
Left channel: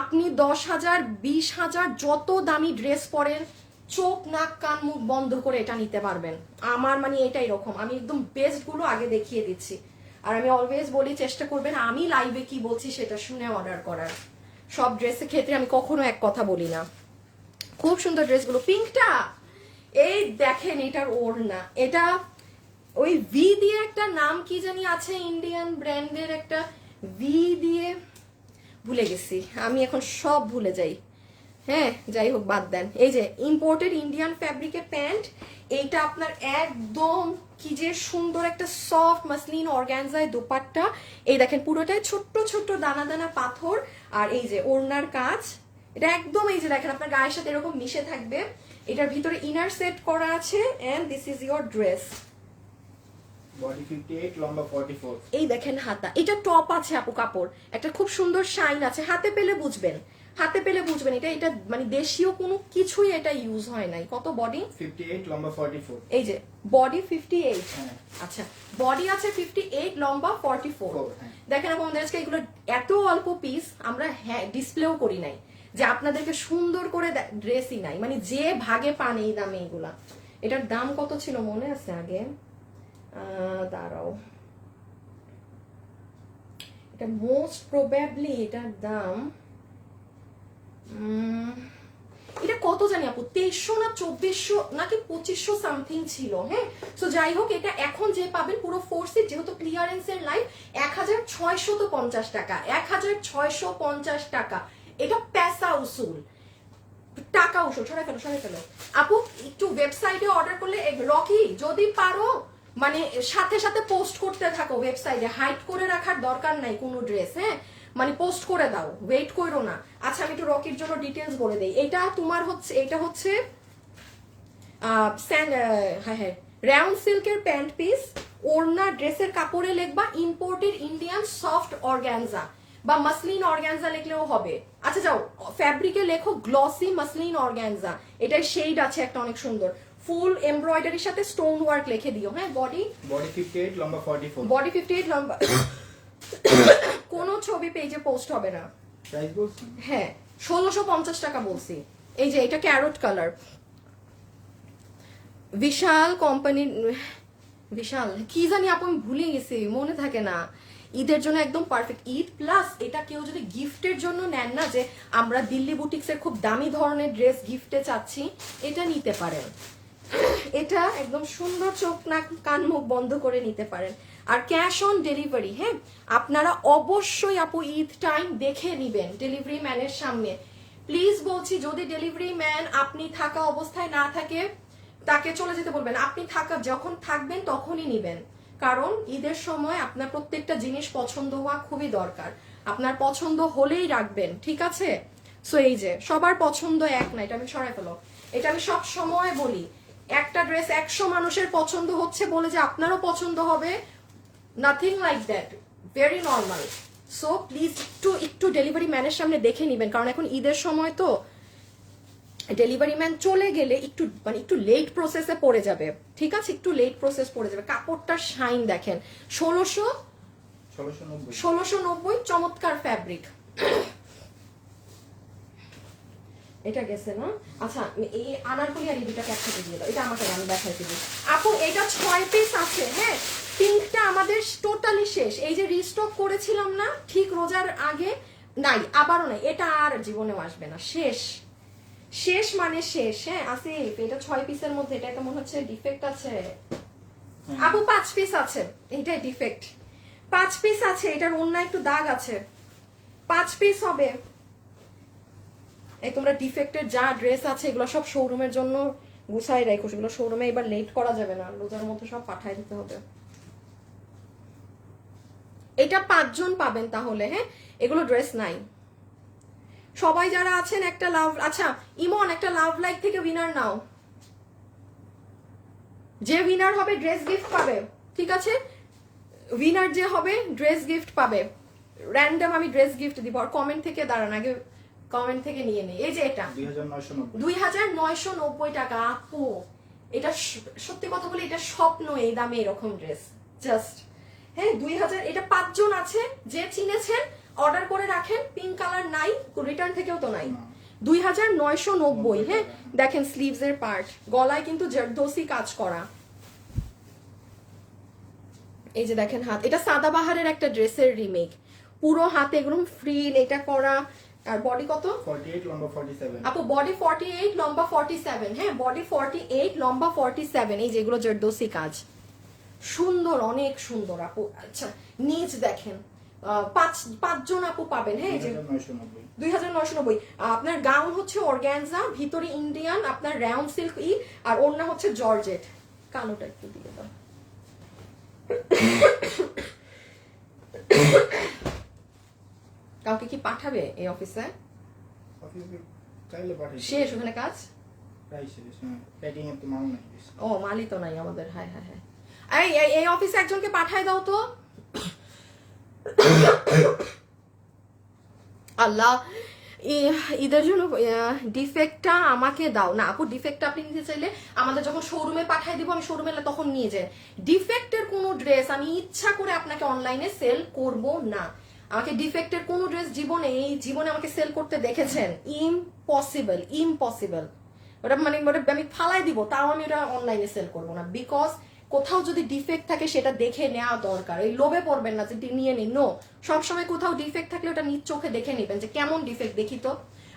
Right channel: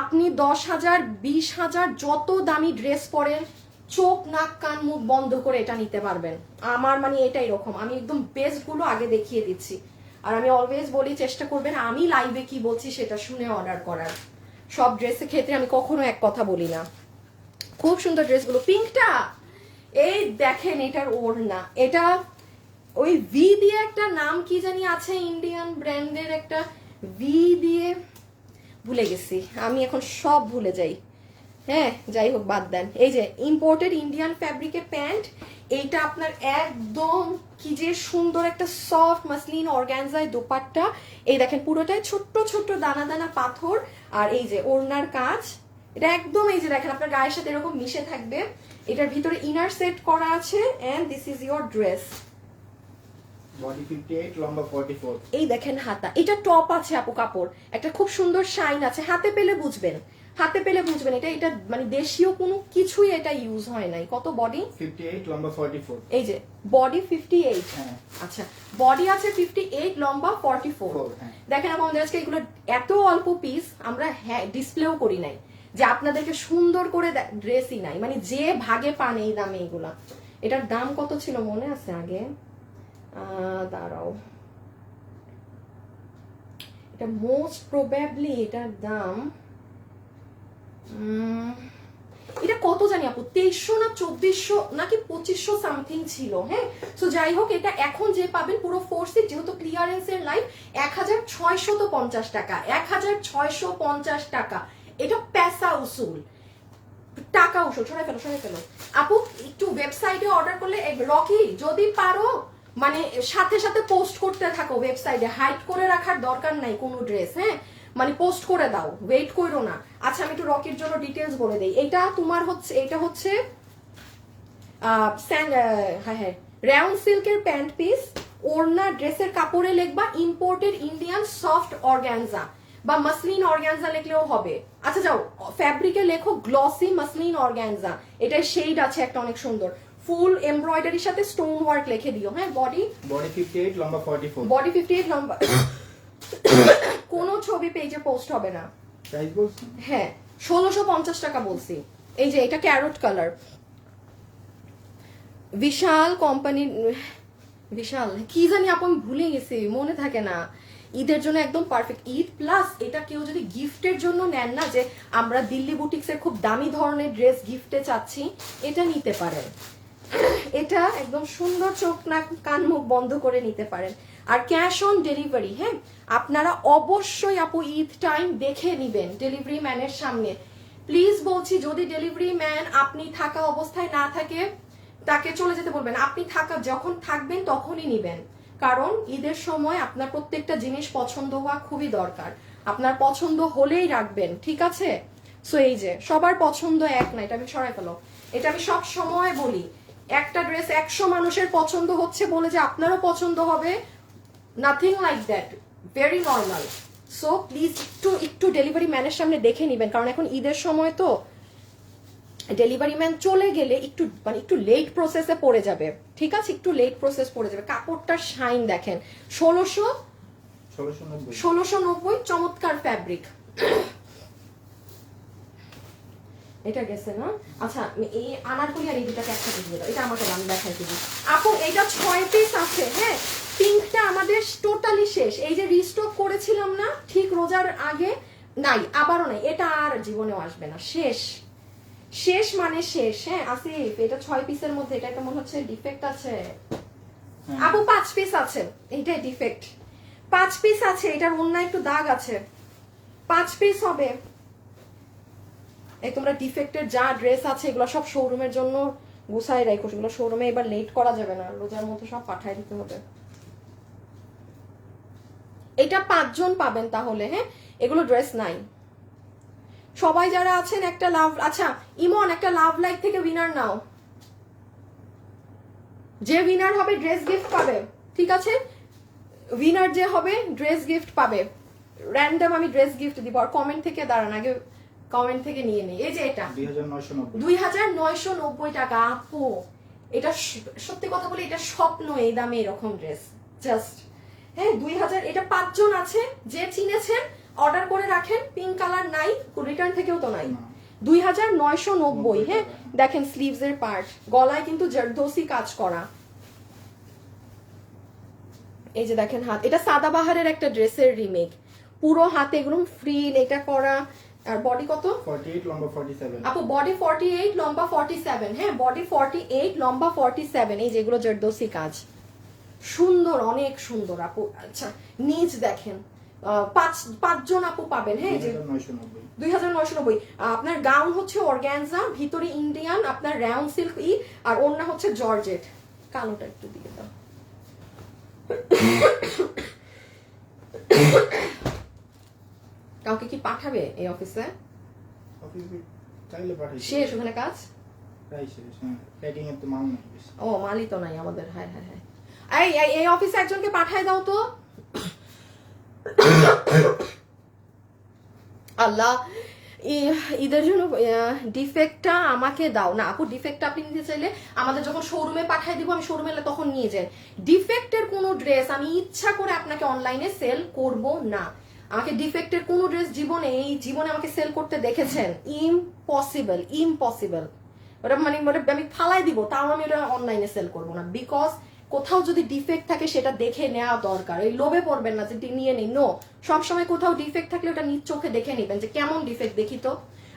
আপনি 10,000 20,000 যত দামি ড্রেস পরেন, চোখ নাক কান মুখ বন্ধ করে এটা নিতে পারবেন। আমার মানে এটা এরকম, আমি একদম বেস্ট গুলো আগে দেখিয়ে দিচ্ছি। আর আমি অলওয়েজ বলি, চেষ্টা করবেন আমি লাইভে কি বলছি সেটা শুনে অর্ডার করার। সব ড্রেসের ক্ষেত্রে আমি কখনো এক কথা বলি না। খুব সুন্দর ড্রেসগুলো। পিঙ্কটা এই দেখেন, এটার ওড়না, এটা ওই ভি দিয়ে একটা নাম কি জানি আছে, ইন্ডিয়ান ব্র্যান্ডের একটা ভি দিয়ে, ভুলে গেছি আমি, এখন সব ভুলে যাই। হ্যাঁ, যাই হোক, বাদ দেন। এই যে ইম্পোর্টেড ইন্ডিয়ান ফ্যাব্রিকের প্যান্ট, এইটা আপনার একদম কি যে সুন্দর একটা সফট মাসলিন অর্গানজায় দোপাট্টা। এই দেখেন পুরোটাই ছোট্ট ছোট্ট দানা দানা পাথর, আর এই যে ওড়নার কাজ, এটা একদম এই যে দেখেন আপনার গায়ের সাথে এরকম মিশে থাকবে। এটার ভিতরে ইনার সেট করা আছে, and this is your dress. Body 58, লম্বা 44। এই দেখেন হাতা, এটা টপ আছে আপু, কাপড় একটা খুব সুন্দর শাইন আছে, হাতে পেলে বুঝবেন, হাতে পেলে বুঝবেন। এটা এটা মানে দেশীয় কোনো কিছুই এটা ইউজ হয় নাই। কত বডি? 58, লম্বা 44। এই যে বডি 58। হ্যাঁ। আচ্ছা, বডি আছে 58, লম্বা 44। হ্যাঁ। দেখেন আমাদের আজকে এগুলো এত অল্প পিস, আমরা হ্যাঁ ডিসপ্লেও করি নাই, যে আপনাদেরকে সুন্দর করে ড্রেসই নাই, মানে যে ভাগে পান এই দামে এগুলা। এটার দাম কত ছিল মনে আছে আগে? দাঁড়াও, এটা মোস্ট প্রবাবলি এটার দাম এটা কত জানি আপু, 2300 না 2400 নাকি 2500 সামথিং ছিল। হ্যাঁ, তো যাই হোক, এটা এখন যে পাবেন পুরো ফোর্সে, যেহেতু ক্লিয়ারেন্সের লাইন, 1650 টাকা, 1650 টাকা। এটা পেশা উসুল, টাকা উসুল। সরাই ফেলো আপু, একটু ওয়েবসাইটে অর্ডার করলে, রকি যদি পারো মানে সাথে সাথে পোস্ট করতে থাকো ওয়েবসাইটে, হাইড করে রাখার দরকার নাই কোনো ড্রেস। হ্যাঁ, মানে পোস্ট করে দাও, ওয়েট করো না। আচ্ছা, আমি একটু রকির জন্য ডিটেলস বলে দেই। এটা তোমার হচ্ছে, এটা হচ্ছে হ্যাঁ রাউন্ড সিল্কের প্যান্ট পিস। ওড়না ড্রেসের কাপড়ে লিখবা ইম্পোর্টেড ইন্ডিয়ান সফট অর্গানজা, বা মাসলিন অর্গানজা লিখলেও হবে। আচ্ছা যাও, ফ্যাব্রিকে লেখো গ্লসি মাসলিন অর্গানজা। এটার শেড আছে একটা অনেক সুন্দর, ফুল এমব্রয়ডারির সাথে স্টোন ওয়ার্ক লিখে দিও। হ্যাঁ, বডি 58, লম্বা 44। বডি 58, লম্বা কোনো ছবি পেজে পোস্ট হবে না। প্রাইস বলছেন? হ্যাঁ, 1650 টাকা বলছি। এই যে এটা ক্যারট কালার, বিশাল কোম্পানির, বিশাল কি জানি আপন ভুলে গেছি, মনে থাকে না। ঈদের জন্য একদম পারফেক্ট। ঈদ প্লাস এটা কেউ যদি গিফটের জন্য নেন না, যে আমরা দিল্লি বুটিক্স এর খুব দামি ধরনের ড্রেস গিফটে চাচ্ছি, এটা নিতে পারেন। এটা একদম সুন্দর, চোখ নাক কান মুখ বন্ধ করে নিতে পারেন। আর ক্যাশ অন ডেলিভারি, হ্যাঁ আপনারা অবশ্যই আপু ঈদ টাইম দেখে নিবেন ডেলিভারি ম্যানের সামনে। প্লিজ বলছি, যদি ডেলিভারি ম্যান আপনি থাকা অবস্থায় না থাকে, তাকে চলে যেতে বলবেন। আপনি থাকা যখন থাকবেন তখনই নিবেন, কারণ ঈদের সময় আপনার প্রত্যেকটা জিনিস পছন্দ হওয়া খুবই দরকার। আপনার পছন্দ হলেই রাখবেন, ঠিক আছে? সো এই যে সবার পছন্দ এক না, এটা আমি সরাই ফেলো। এটা আমি সব সময় বলি, একটা ড্রেস 100 মানুষের পছন্দ হচ্ছে বলে যে আপনারও পছন্দ হবে, nothing like that, very normal. So please একটু ডেলিভারি ম্যানের সামনে দেখে নিবেন, কারণ এখন ঈদের সময় তো ডেলিভারি ম্যান চলে গেলে একটু লেট প্রসেসে পড়ে যাবে, ঠিক আছে? একটু লেট প্রসেস পড়ে যাবে। কাপড়টার শাইন দেখেন, 1690, চমৎকার ফ্যাব্রিক। এটা গেছে না? আচ্ছা এই আনারকলি আর এই দুটাকে একসাথে দিয়ে দাও, এটা আমাকে আমি দেখাই দিবি আপু। এটা 6 পিস আছে, হ্যাঁ পিঙ্কটা আমাদের টোটালি শেষ। এই যে রিস্টক করেছিলাম না ঠিক রোজার আগে, নাই আবারও নাই, এটা আর জীবনেও আসবে না, শেষ শেষ মানে শেষ। হ্যাঁ আসিফ এটা 6 পিসের মধ্যে এটা তো মনে হচ্ছে ডিফেক্ট আছে আপু। 5 পিস আছে, এইটাই ডিফেক্ট। 5 পিস আছে, এটার অন্য একটু দাগ আছে, 5 পিস হবে। এই তোমরা ডিফেক্টের যা ড্রেস আছে এগুলো সব শোরুমের জন্য গুছাই রাখো, সেগুলো শোরুমে এবার লেট করা যাবে না, রোজার মধ্যে সব পাঠায় দিতে হবে। এটা 5 জন পাবেন তাহলে, হ্যাঁ এগুলো ড্রেস নাই। সবাই যারা আছেন একটা লাভ, আচ্ছা ইমন একটা লাভ লাইক থেকে উইনার নাও, যে উইনার হবে ড্রেস গিফট পাবে, ঠিক আছে? উইনার যে হবে ড্রেস গিফট পাবে, র্যান্ডম আমি ড্রেস গিফট দিব। আর কমেন্ট থেকে দাঁড়ান, আগে কমেন্ট থেকে নিয়ে নেই। এই যে এটা 2990 টাকা আপু, এটা সত্যি কথা বলি এটা স্বপ্ন এই দামে এরকম ড্রেস, জাস্ট হ্যাঁ 2000। এটা 5 জন আছে, যে চিনেছেন অর্ডার করে রাখেন। পিঙ্ক কালার নাই, রিটার্ন থেকেও তো নাই। 2990, হ্যাঁ দেখেন স্লিভস এর পার্ট, গলায় কিন্তু জর্দোসি কাজ করা। এই যে দেখেন হাত, এটা সাদাবাহারের একটা ড্রেসের রিমেক, পুরো হাতে এগুলো ফ্রিল এটা করা। আর বডি কত? 48 লম্বা 47 আপু বডি 48 লম্বা 47, হ্যাঁ বডি 48 লম্বা 47। এই যেগুলো জর্দোসি কাজ, সুন্দর অনেক সুন্দর আপু। আচ্ছা নিচ দেখেন, 5 জন আপু পাবেন, হ্যাঁ 2990। আপনার গাউন হচ্ছে অর্গানজা, ভিতরে ইন্ডিয়ান আপনার রাউন্ড সিল্ক আর ওড়না হচ্ছে জর্জেট। কালোটা একটু দিয়ে দাও। কাউকে কি পাঠাবে এই অফিসে? শেষ ওখানে কাজ, ও মালই তো নাই আমাদের। হ্যাঁ হ্যাঁ হ্যাঁ এই অফিসে একজনকে পাঠাই দাও তো। আল্লাহ ঈদের জন্য ডিফেক্টটা আমাকে দাও না আপু। ডিফেক্টটা আপনি নিতে চাইলে আমাদের যখন শোরুমে পাঠিয়ে দিব, আমি শোরুমে তখন নিয়ে যাই। ডিফেক্টের কোনো ড্রেস আমি ইচ্ছা করে আপনাকে অনলাইনে সেল করব না। আমাকে ডিফেক্টের কোনো ড্রেস জীবনে এই জীবনে আমাকে সেল করতে দেখেছেন? Impossible, impossible. ওটা মানে আমি ফালাই দিব, তাও আমি এটা অনলাইনে সেল করবো না। বিকজ কোথাও যদি ডিফেক্ট থাকে সেটা দেখে নেওয়া দরকার। এই লোভে পড়বেন না যে নিয়ে নিন, নো। সবসময় কোথাও ডিফেক্ট থাকলে ওটা নিজ চোখে দেখে নিবেন যে কেমন ডিফেক্ট দেখি তো।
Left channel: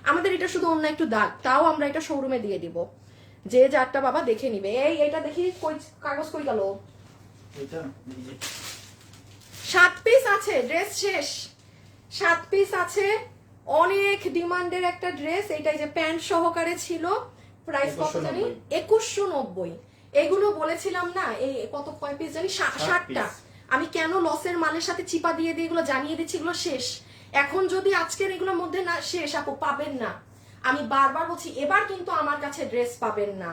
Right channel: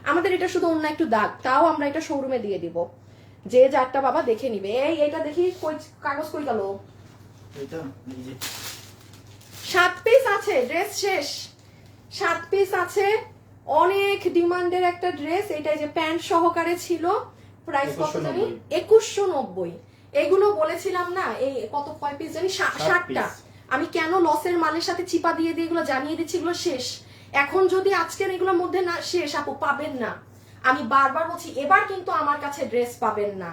আমাদের এটা শুধু অন্য একটু দাগ, তাও আমরা এটা শোরুমে দিয়ে দিব, যে যারটা বাবা দেখে নিবে। এইটা দেখি কই কাগজ কই গেল? 7 পিস আছে, ড্রেস শেষ। 7 পিস আছে, অনেক ডিমান্ডের একটা ড্রেস। এটা যে প্যান্ট সহকারে ছিল, প্রাইস কত জানি? 2190। এগুলো বলেছিলাম না, এই কত কয় পিস জানি? 60টা। আমি কেন লসের মালের সাথে চিপা দিয়ে দিয়ে এগুলো জানিয়ে দিচ্ছি এগুলো শেষ। এখন যদি আজকের এগুলোর মধ্যে না শেষ আপু, পাবেন না। আমি বারবার বলছি, এবার কিন্তু আমার কাছে ড্রেস পাবেন না।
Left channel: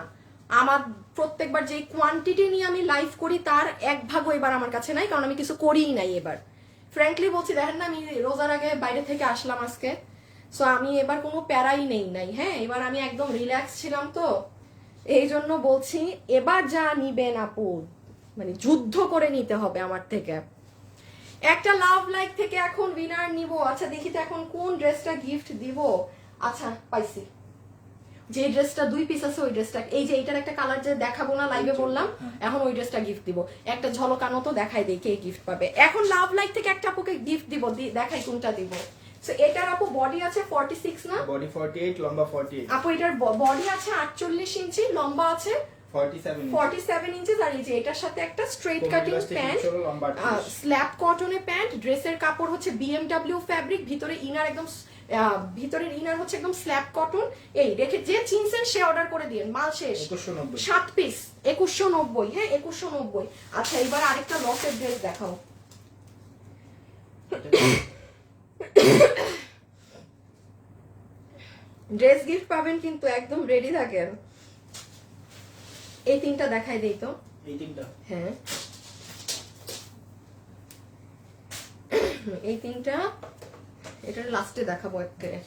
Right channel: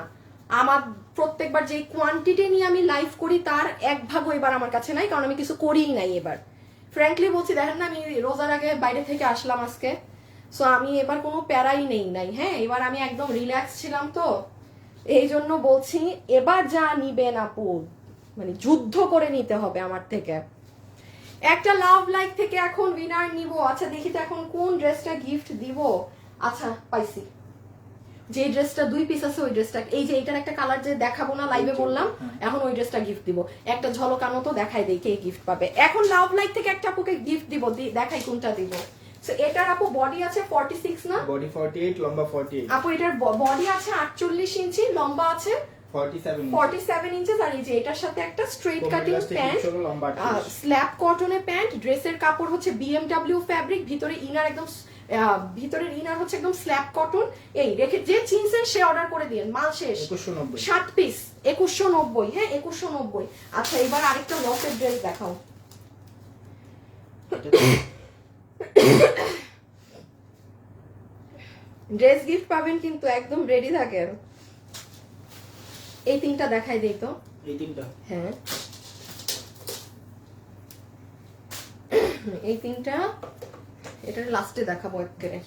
আমার প্রত্যেকবার যে কোয়ান্টিটি নিয়ে আমি লাইভ করি তার 1 ভাগও এবার আমার কাছে নাই, কারণ আমি কিছু করিই নাই এবার। ফ্র্যাঙ্কলি বলছি, দেখেন না আমি রোজার আগে বাইরে থেকে আসলাম আজকে, সো আমি এবার কোনো প্যারাই নেই নাই। হ্যাঁ এবার আমি একদম রিল্যাক্স ছিলাম, তো এই জন্য বলছি এবার যা নিবেন আপু মানে যুদ্ধ করে নিতে হবে আমার থেকে। একটা লাভ লাইক থেকে এখন উইনার নিব। আচ্ছা দেখি তো এখন কোন ড্রেসটা গিফট দিব। আচ্ছা পাইছি, যে ড্রেসটা 2 পিস আছে ওই ড্রেসটা, এই যে এটার একটা কালার যে দেখাবো না লাইভে বললাম, এখন ওই ড্রেসটা গিফট দিব। একটা ঝলকানো তো দেখাই দেই কে গিফট পাবে। এখন লাভ লাইক থেকে একটা আপুকে গিফট দিব, দেখাই কোনটা দিব। এটার আপু বডি আছে 46 না? বডি 48 লম্বা 48 আপু এটার বডি আছে 48 ইঞ্চি, লম্বা আছে 47 ইঞ্চি। আর এই যে এটার সাথে একটা স্ট্রেট কাটিং প্যান্ট, স্ল্যাব কটনের প্যান্ট। ড্রেসের কাপড় হচ্ছে BMW ফ্যাব্রিক, ভিতরে ইনার একদম ভিতরের ইনার হচ্ছে একদম স্ল্যাব কটন। এই রেখে যে চিনছেন সে অর্ডার করে দিন, মাল শেষ। 7 পিস 2190, হ্যাঁ 2190। আচ্ছা এবার আরেকটা লসের ড্রেস দেখাও। ড্রেস গিফট পাবেন কিন্তু একদম রেডি থাকেন। এই 3টা দেখাই দেই তো। এই 3টা, হ্যাঁ এই 3টা, এটা লাস্টে দেখাবো একেবারে।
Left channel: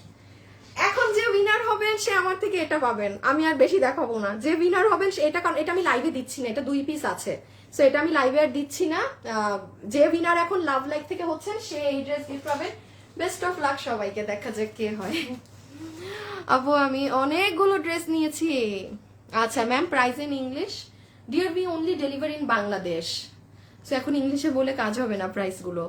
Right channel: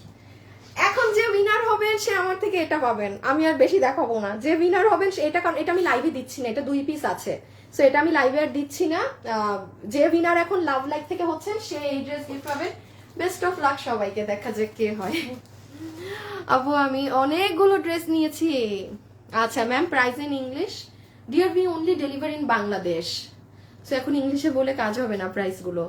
এখন যে উইনার হবেন সে আমার থেকে এটা পাবেন, আমি আর বেশি দেখাবো না। যে উইনার হবেন এটা, কারণ এটা আমি লাইভে দিচ্ছি না, এটা 2 পিস আছে, সো এটা আমি লাইভে আর দিচ্ছি না। যে উইনার এখন লাভ লাইক থেকে হচ্ছে সে এই ড্রেস গিফট পাবেন। বেস্ট অফ লাক সবাইকে, দেখা যাক কে হয়। আপু আমি অনেকগুলো ড্রেস নিয়েছি। আচ্ছা ma'am, price in English. Dear be only delivery in Bangladesh. So এখন ইংলিশে বলে কাজ হবে না প্রাইস গুলো।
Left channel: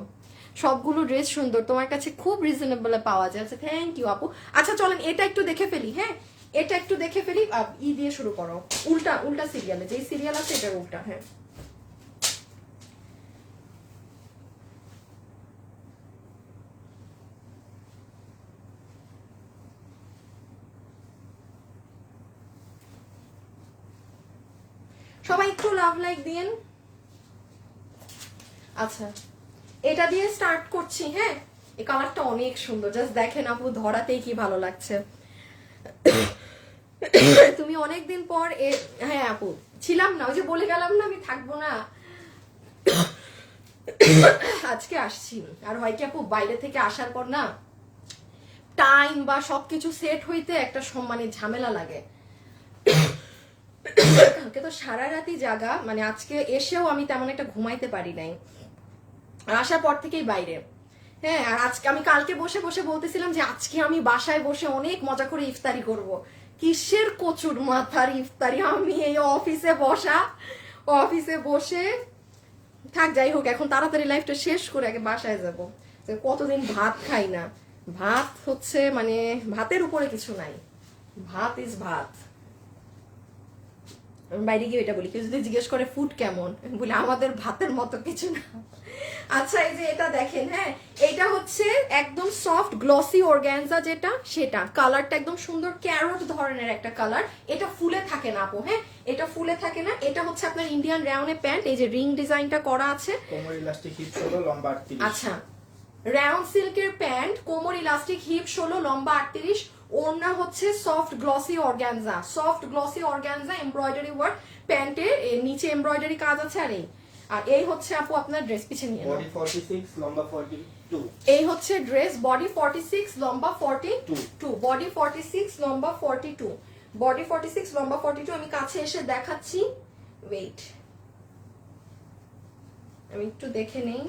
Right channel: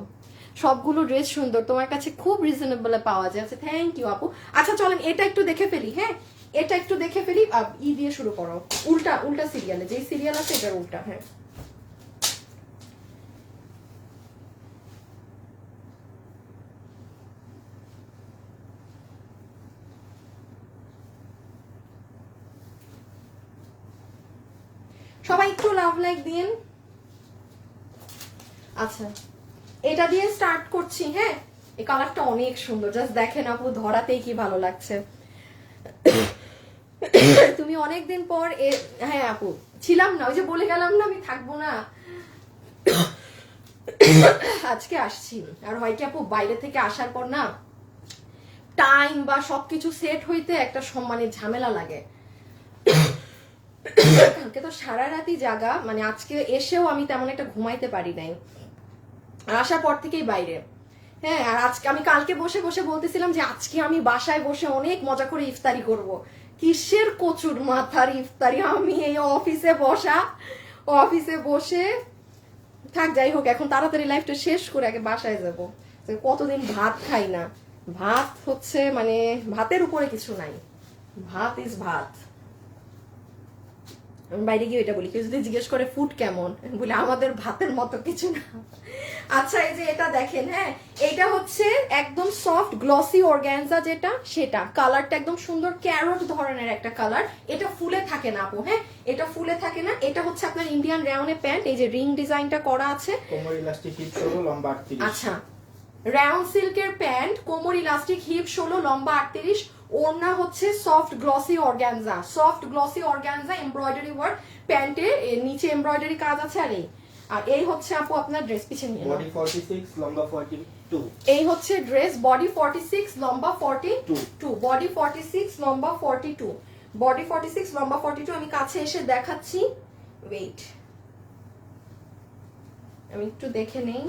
সবগুলো ড্রেস সুন্দর, তোমার কাছে খুব রিজনেবল পাওয়া যায়। আচ্ছা থ্যাংক ইউ আপু। আচ্ছা চলেন এটা একটু দেখে ফেলি। হ্যাঁ এটা একটু দেখে ফেলি। ই দিয়ে শুরু করো, উল্টা উল্টা সিরিয়ালে, যে সিরিয়াল আছে এটার উল্টা। হ্যাঁ সবাই একটু লাভ লাইক দিন। আচ্ছা এটা দিয়ে স্টার্ট করছি। হ্যাঁ এই কালারটা অনেক সুন্দর, জাস্ট দেখেন আপু, ধরাতেই কি ভালো লাগছে। তুমি অনেকদিন পর হ্যাঁ আপু ছিলাম না, ওই যে বলে গেলাম না আমি থাকবো না, আজকে আসছি। আর হয় কি আপু, বাইরে থেকে আসার পর না টাইম বা সবকিছু সেট হইতে একটা সম্মানের ঝামেলা লাগে। কালকে তো সারা রাতই জাগা, মানে আজকে এসেও আমি তেমন একটা ঘুমাইতে পারি নাই, আর আসার পর থেকেই বাইরে। হ্যাঁ আর আজকে আমি কালকে বসে বসে বলতেছিলাম যে আজকে আমি বাসায় বসে অনেক মজা করে ইফতারি করব। কিসের কচুর মাথার ইফতারি, আমি এই অফিসে বসে থাক। যাই হোক এখন তাড়াতাড়ি লাইফটা শেষ করে আগে বাসায় যাব। কতদিন ভাত খাই না, ভাত হচ্ছে মানে ভাতের উপরে কিছু নাই, ভাত ইজ ভাত। আমি বাইরে গিয়ে এটা বলি, কেউ যদি জিজ্ঞেস করে ফুড কেমন, বলে আমাদের ভাতের মতো কিছু না। আচ্ছা এই যে এটা দেখেন। হ্যাঁ এটা হচ্ছে একদম সফট গ্লসি অর্গানজা, যেটা সেটা কালারটা একদম সুন্দর ক্যারট ধরনের একটা কালার। এটা ফুলে থাকে না আপু। হ্যাঁ এটা ফুলে থাকে না। এটা হচ্ছে আপনার ইন্ডিয়ান রাউন্ডে প্যান্ট, এই যে রিং ডিজাইনটা করা আছে। কোমর ইলাস্টিক হিপ 16 লম্বা 38। আচ্ছা রাউন্ড সিল্কের প্যান্ট, কোমর ইলাস্টিক, হিপ 16, লম্বা 38। ওড়না হচ্ছে soft glossy organza, soft glossy organza embroidery work. প্যান্টের নিচে এমব্রয়ডারি কাজ আছে। আর এই হচ্ছে আপু আপনার ড্রেস, পিছনে নিয়ে নাও। বডি 46 লম্বা 42। এই হচ্ছে ড্রেস, বডি 46 লম্বা 42, বডি 46 লম্বা 42, বডি 46 লম্বা 42। আমি কাছে এসে দেখাচ্ছি, ওয়েট আমি একটু দেখে নেই,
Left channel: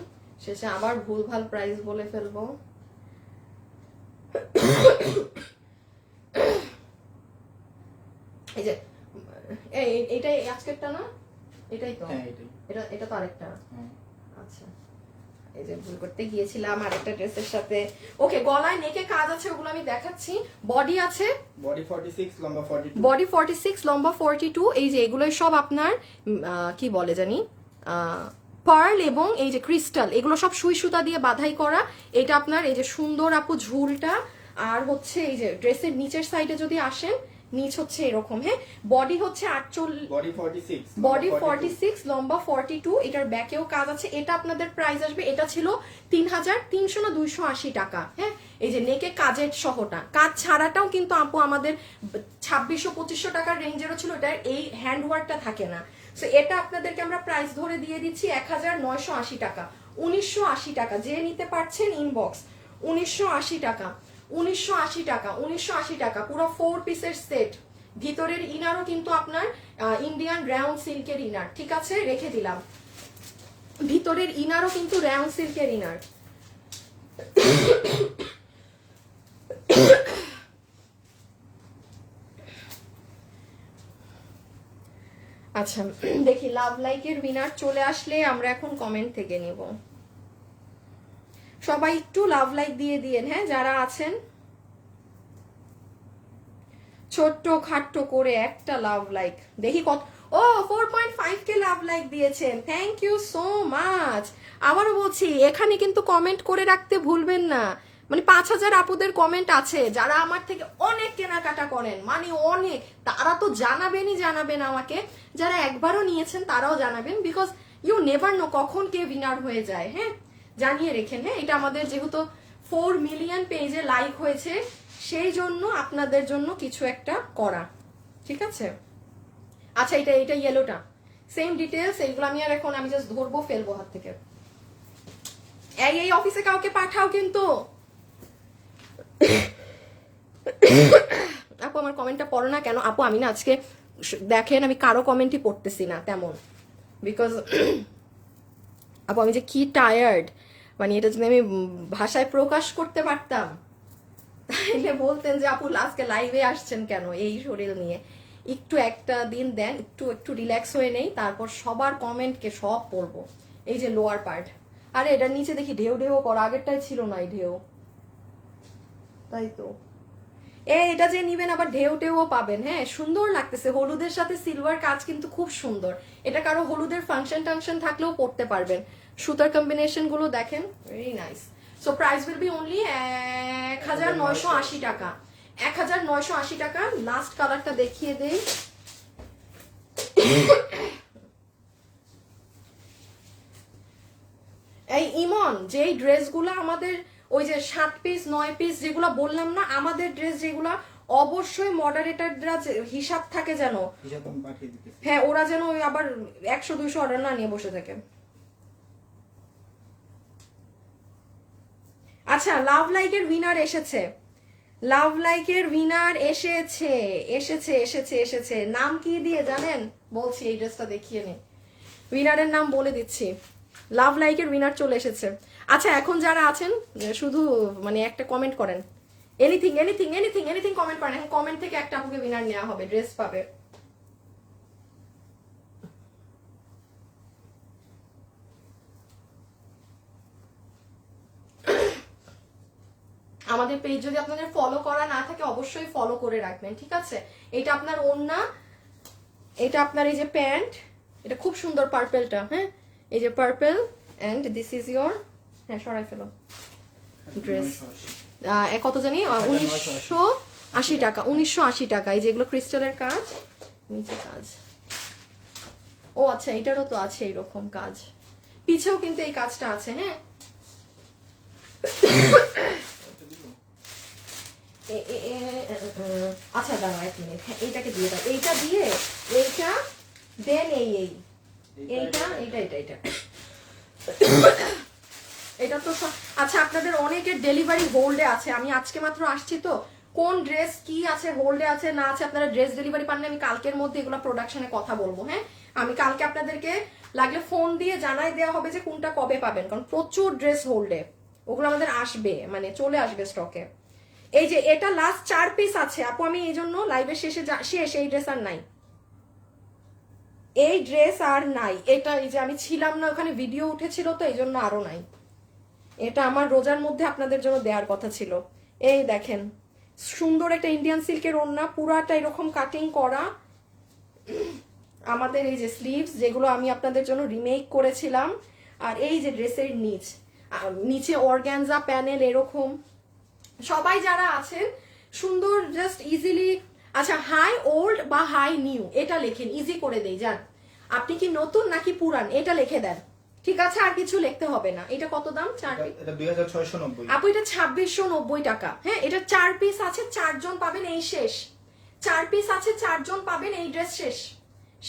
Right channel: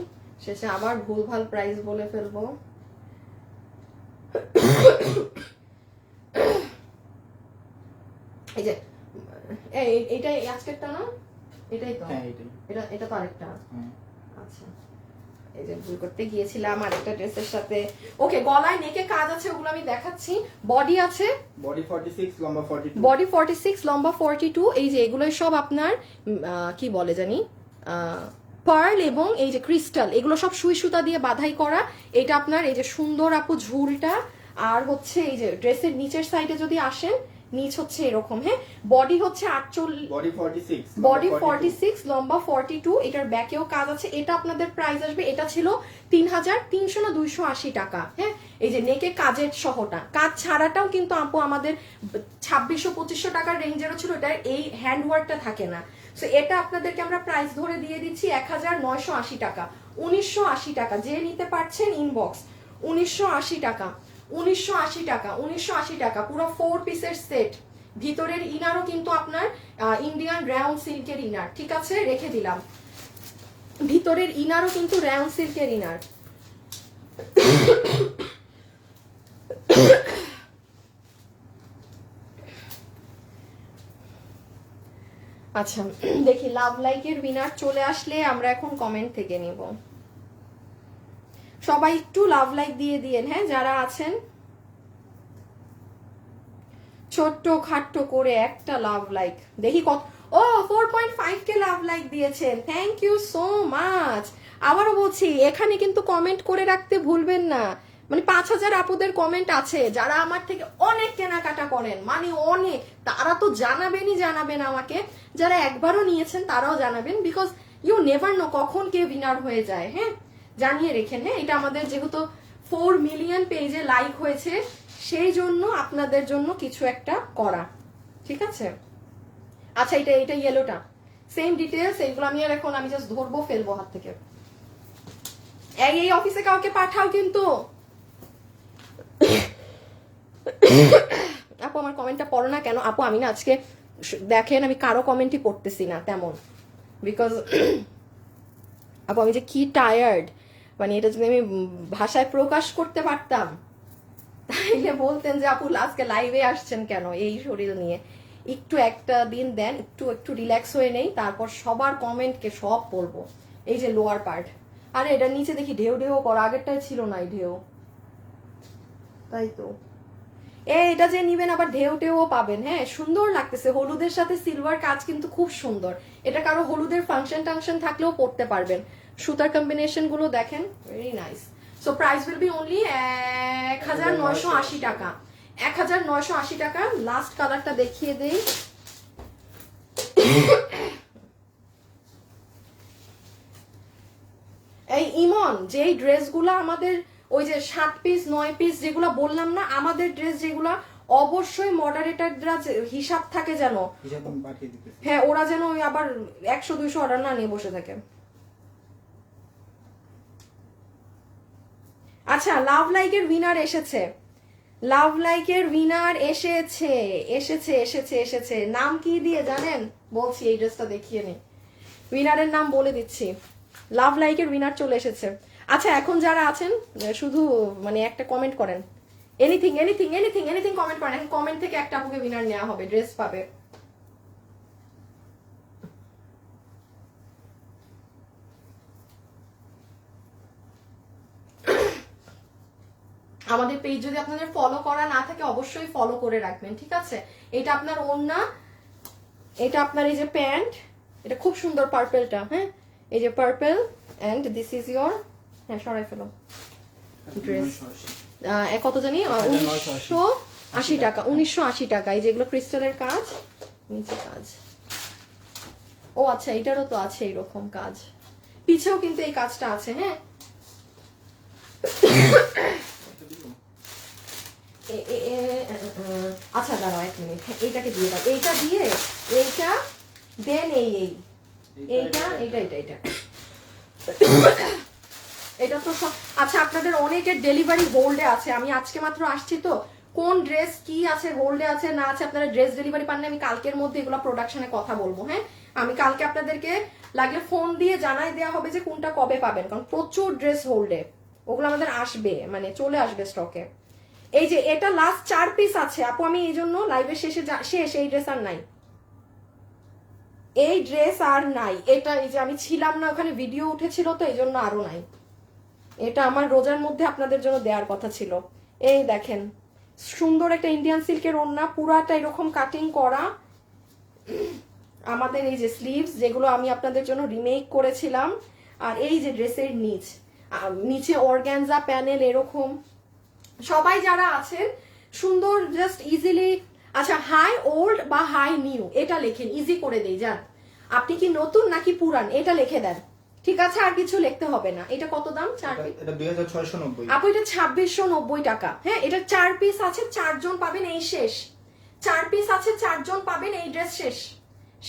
শেষে আবার ভুলভাল প্রাইস বলে ফেলবো। এই যে এইটাই আজকেরটা না, এটাই তো। হ্যাঁ এটাই। এটা তো আরেকটা। হ্যাঁ আচ্ছা এই যে ভুল করতে গিয়েছিলাম আরেকটা ড্রেসের সাথে। ওকে গলায় নেকে কাজ আছে, ওগুলো আমি দেখাচ্ছি। বডি আছে বডি 46 লম্বা 42। বডি 46 লম্বা 42। এই যে এগুলোই সব আপনার কি বলে জানি পার্ল এবং এই যে ক্রিস্টাল, এগুলো সব সুই সুতা দিয়ে বাধাই করা। এটা আপনার এই যে সুন্দর আপু ঝুলটা, আর হচ্ছে এই যে ড্রেসের নিচের সাইডে যদি আসেন, নিচ হচ্ছে এরকম। হ্যাঁ বডি হচ্ছে 48, বডি 46 বডি 46 লম্বা 42। এটার ব্যাকেও কাজ আছে। এটা আপনাদের প্রাইস আসবে, এটা ছিল 3300 না 280 টাকা। হ্যাঁ এই যে নেকে কাজের সহটা, কাজ ছাড়াটাও কিন্তু আপু আমাদের 2600-2500 টাকার রেঞ্জেরও ছিল। এটা এই হ্যান্ড ওয়ার্কটা থাকে না। সো এটা আপনাদেরকে আমরা প্রাইস ধরে দিয়ে দিচ্ছি 1980 টাকা, 1980 টাকা। যে নিতে পারছেন ইনবক্স, 1980 টাকা, 1980 টাকা, 1980 টাকা, পুরো 4 পিসের সেট। ভিতরের ইনারও কিন্তু আপনার ইন্ডিয়ান রাউন্ড সিল্কের ইনার, ঠিক আছে রেখে দিলাম। ভিতরের ইনারও কিন্তু রাউন্ড সিল্কের ইনার। আচ্ছা দেখি লাভ লাইকের উইনার চলে আসলে আমরা এখন কমেন্ট থেকে নিব। সবাই একটু লাভ লাইক দিয়ে দিয়েন। হ্যাঁ যারা আছেন ছোট্ট খাট্ট করে একটা লাভ লাইক দেখি কত। ও 4.5 কে লাভ লাইক দিয়েছেন, থ্যাংক ইউ সো মাচ। আবারও বলছি এখানে কিন্তু কমেন্ট করে রাখতে ভুলবেন না। মানে 5000 আপুদের কমেন্ট আছে যারা আমার থেকে অনেক কেনাকাটা করেন, মানে অনেক, তারা তো জানাবেন আমাকে। যারা একবারও নিয়েছেন তারাও জানাবেন, বিকজ ইউ নেভার নো কখন কে উইনার হয়ে যায়। হ্যাঁ জানিয়ে রেখেন। হ্যাঁ এটা আমাদের যেহেতু 4 মিলিয়ন পেজে লাইক হয়েছে, সেই জন্য আপনাদের জন্য কিছু একটা করা, ঠিক আছে। আচ্ছা এটা ইয়েলোটা সেম ডিটেলস, এইগুলো আমি আর এখন আমি জাস্ট ধরবো ফেলবো হাত থেকে। এই অফিসে কাউকে পাঠাও কিন্তু। আপু আমার কমেন্টটা পড়ো না কেন? আপু আমি না আজকে দেখেন আমি কারো কমেন্টই পড়তেছি না তেমন, বিকজ আপু আমি যে কি টায়ার্ড, মানে এটা যদি আমি ভাষায় প্রকাশ করতে পারতাম তাইলে বলতেন যে আপু আজকে লাইভে আসছেন কেন এই শরীর নিয়ে। একটু একটা দিন দেন, একটু একটু রিল্যাক্স হয়ে নেই, তারপর সবার কমেন্টকে সব পড়বো। এই যে লোয়ার পার্ট, আরে এটার নিচে দেখি ঢেউ ঢেউ করা, আগেরটাই ছিল না এই ঢেউ। তাই তো এটা যে নিবেন আবার ঢেউ টেউও পাবেন। হ্যাঁ, সুন্দর লাগতেছে, হলুদের সাথে সিলভার কাজ কিন্তু খুব সুন্দর। এটা কারো হলুদের ফাংশন টাংশন থাকলেও পড়তে পারবেন। সুতার কম্বিনেশন গুলো দেখেন, very nice. So price will be only 1980 টাকা। 1980 টাকা। লাস্ট কালারটা দেখিয়ে দেই। এই ইমন, যেই ড্রেসগুলো আমাদের ওই যে 7 পিস 9 পিস যেগুলো বললাম না, আমাদের ড্রেস যেগুলো অবশ্যই মডারেটররা হিসাব থাকে যেন, হ্যাঁ ওরা যেন ওই আবার 100-200 অর্ডার না নিয়ে বসে থাকে। আচ্ছা, লাভ লাইকের উইনার এসেছে, লাভ লাইকের উইনার এসেছে এসেছে এসেছে এসেছে। নাম কি দিয়ে জানেন? বলছি, এই ড্রেসটা দেখিয়ে নে, উইনারের নাম বলে দিচ্ছি। লাভ লাইকের উইনার চলে এসেছে। আচ্ছা, এখন যারা আছেন শুধু মানে একটা কমেন্ট করেন, anything anything anything anything comment করেন, কমেন্ট থেকে একটা আপনাকে উইনার নেওয়া হবে, ড্রেস পাবে। আমাদের পেজ যদি আপনাদের ফলো করা না থাকে অবশ্যই ফলো করে রাখবেন, ঠিক আছে? এটা আপনার ওড়না, এটা আপনার এই যে প্যান্ট, এটা খুব সুন্দর পার্পেলটা, হ্যাঁ এই যে purple, and this is your, হ্যাঁ সরাই ফেলো ড্রেস। কত জানি 1980 টাকা, 1980 টাকা। এই যেগুলো ক্রিস্টালের কাজ, নিচে কাজ। ও আচ্ছা, এটারও তো আছে এইরকম কাজ, পিছেও কিন্তু এই কাজটা আছে। হ্যাঁ, আচ্ছা দাঁড়াও 1 মিনিট, এইটাকে দিয়ে দাও, এইটা দিয়ে এইটা দেন এইটা এইটা এইটা এইটা এটা তো আচ্ছা, আপনাদের অনেকের ডেলিভারি হোল্ডে আছে, আমি আজকে মাত্র আসছি তো, কোন ড্রেস কি আছে হোল্ডে আছে না আছে, আপনারা ড্রেস ডেলিভারি পানলে আমি কালকের মধ্যে এগুলো প্রোডাকশনে কথা বলবো। হ্যাঁ, আমি কালকে আপনাদেরকে লাগলে ফোন দিয়ে জানাই দেওয়া হবে যে কোনটা কবে পাবেন, কারণ প্রচুর ড্রেস হোল্ডে, ওগুলো আমাদের আসবে, মানে চলে আসবে স্টকে। এই যে এটা লাস্ট 4 পিস আছে আপু, আমি এই জন্য লাইভের শেষে শেষ, এই ড্রেস আর নাই, এই ড্রেস আর নাই। এটা এই যে আমি ছিলাম না ওখানে, ভিডিও উঠেছিল তো এই জন্য আরো নাই। এটা আমার রোজার মধ্যে আপনাদের জন্য দেওয়ার কথা ছিল। এই দেখেন, সুন্দর একটা ইন্ডিয়ান সিল্কের ওড়না, পুরাটা এরকম কাটিং করা। আমাদের এই যে স্লিভস, যেগুলো আমি আপনাদের জন্য রিমেক করেছিলাম, আর এই যে ড্রেসের নিচে অর্গানজা প্যানেল এরকম। সবাই যারা আছেন সুন্দর, জাস্ট ইজিলি, আচ্ছা হাই ওল্ড বা হাই নিউ এটা লেখেন, ইজি করে দেই। যান, আপনি কি নতুন নাকি পুরান এটা লিখে দেন, ঠিক আছে? আর কিছু লিখতে হবে না। এটা কত দাম? এটা 2690 আপু, এটা 2690 টাকা। হ্যাঁ, এটা 4 পিস আছে, 4 জন পাবেন, এই শেষ। 4 পিস আছে, 4 জন পাবেন, এই ড্রেস শেষ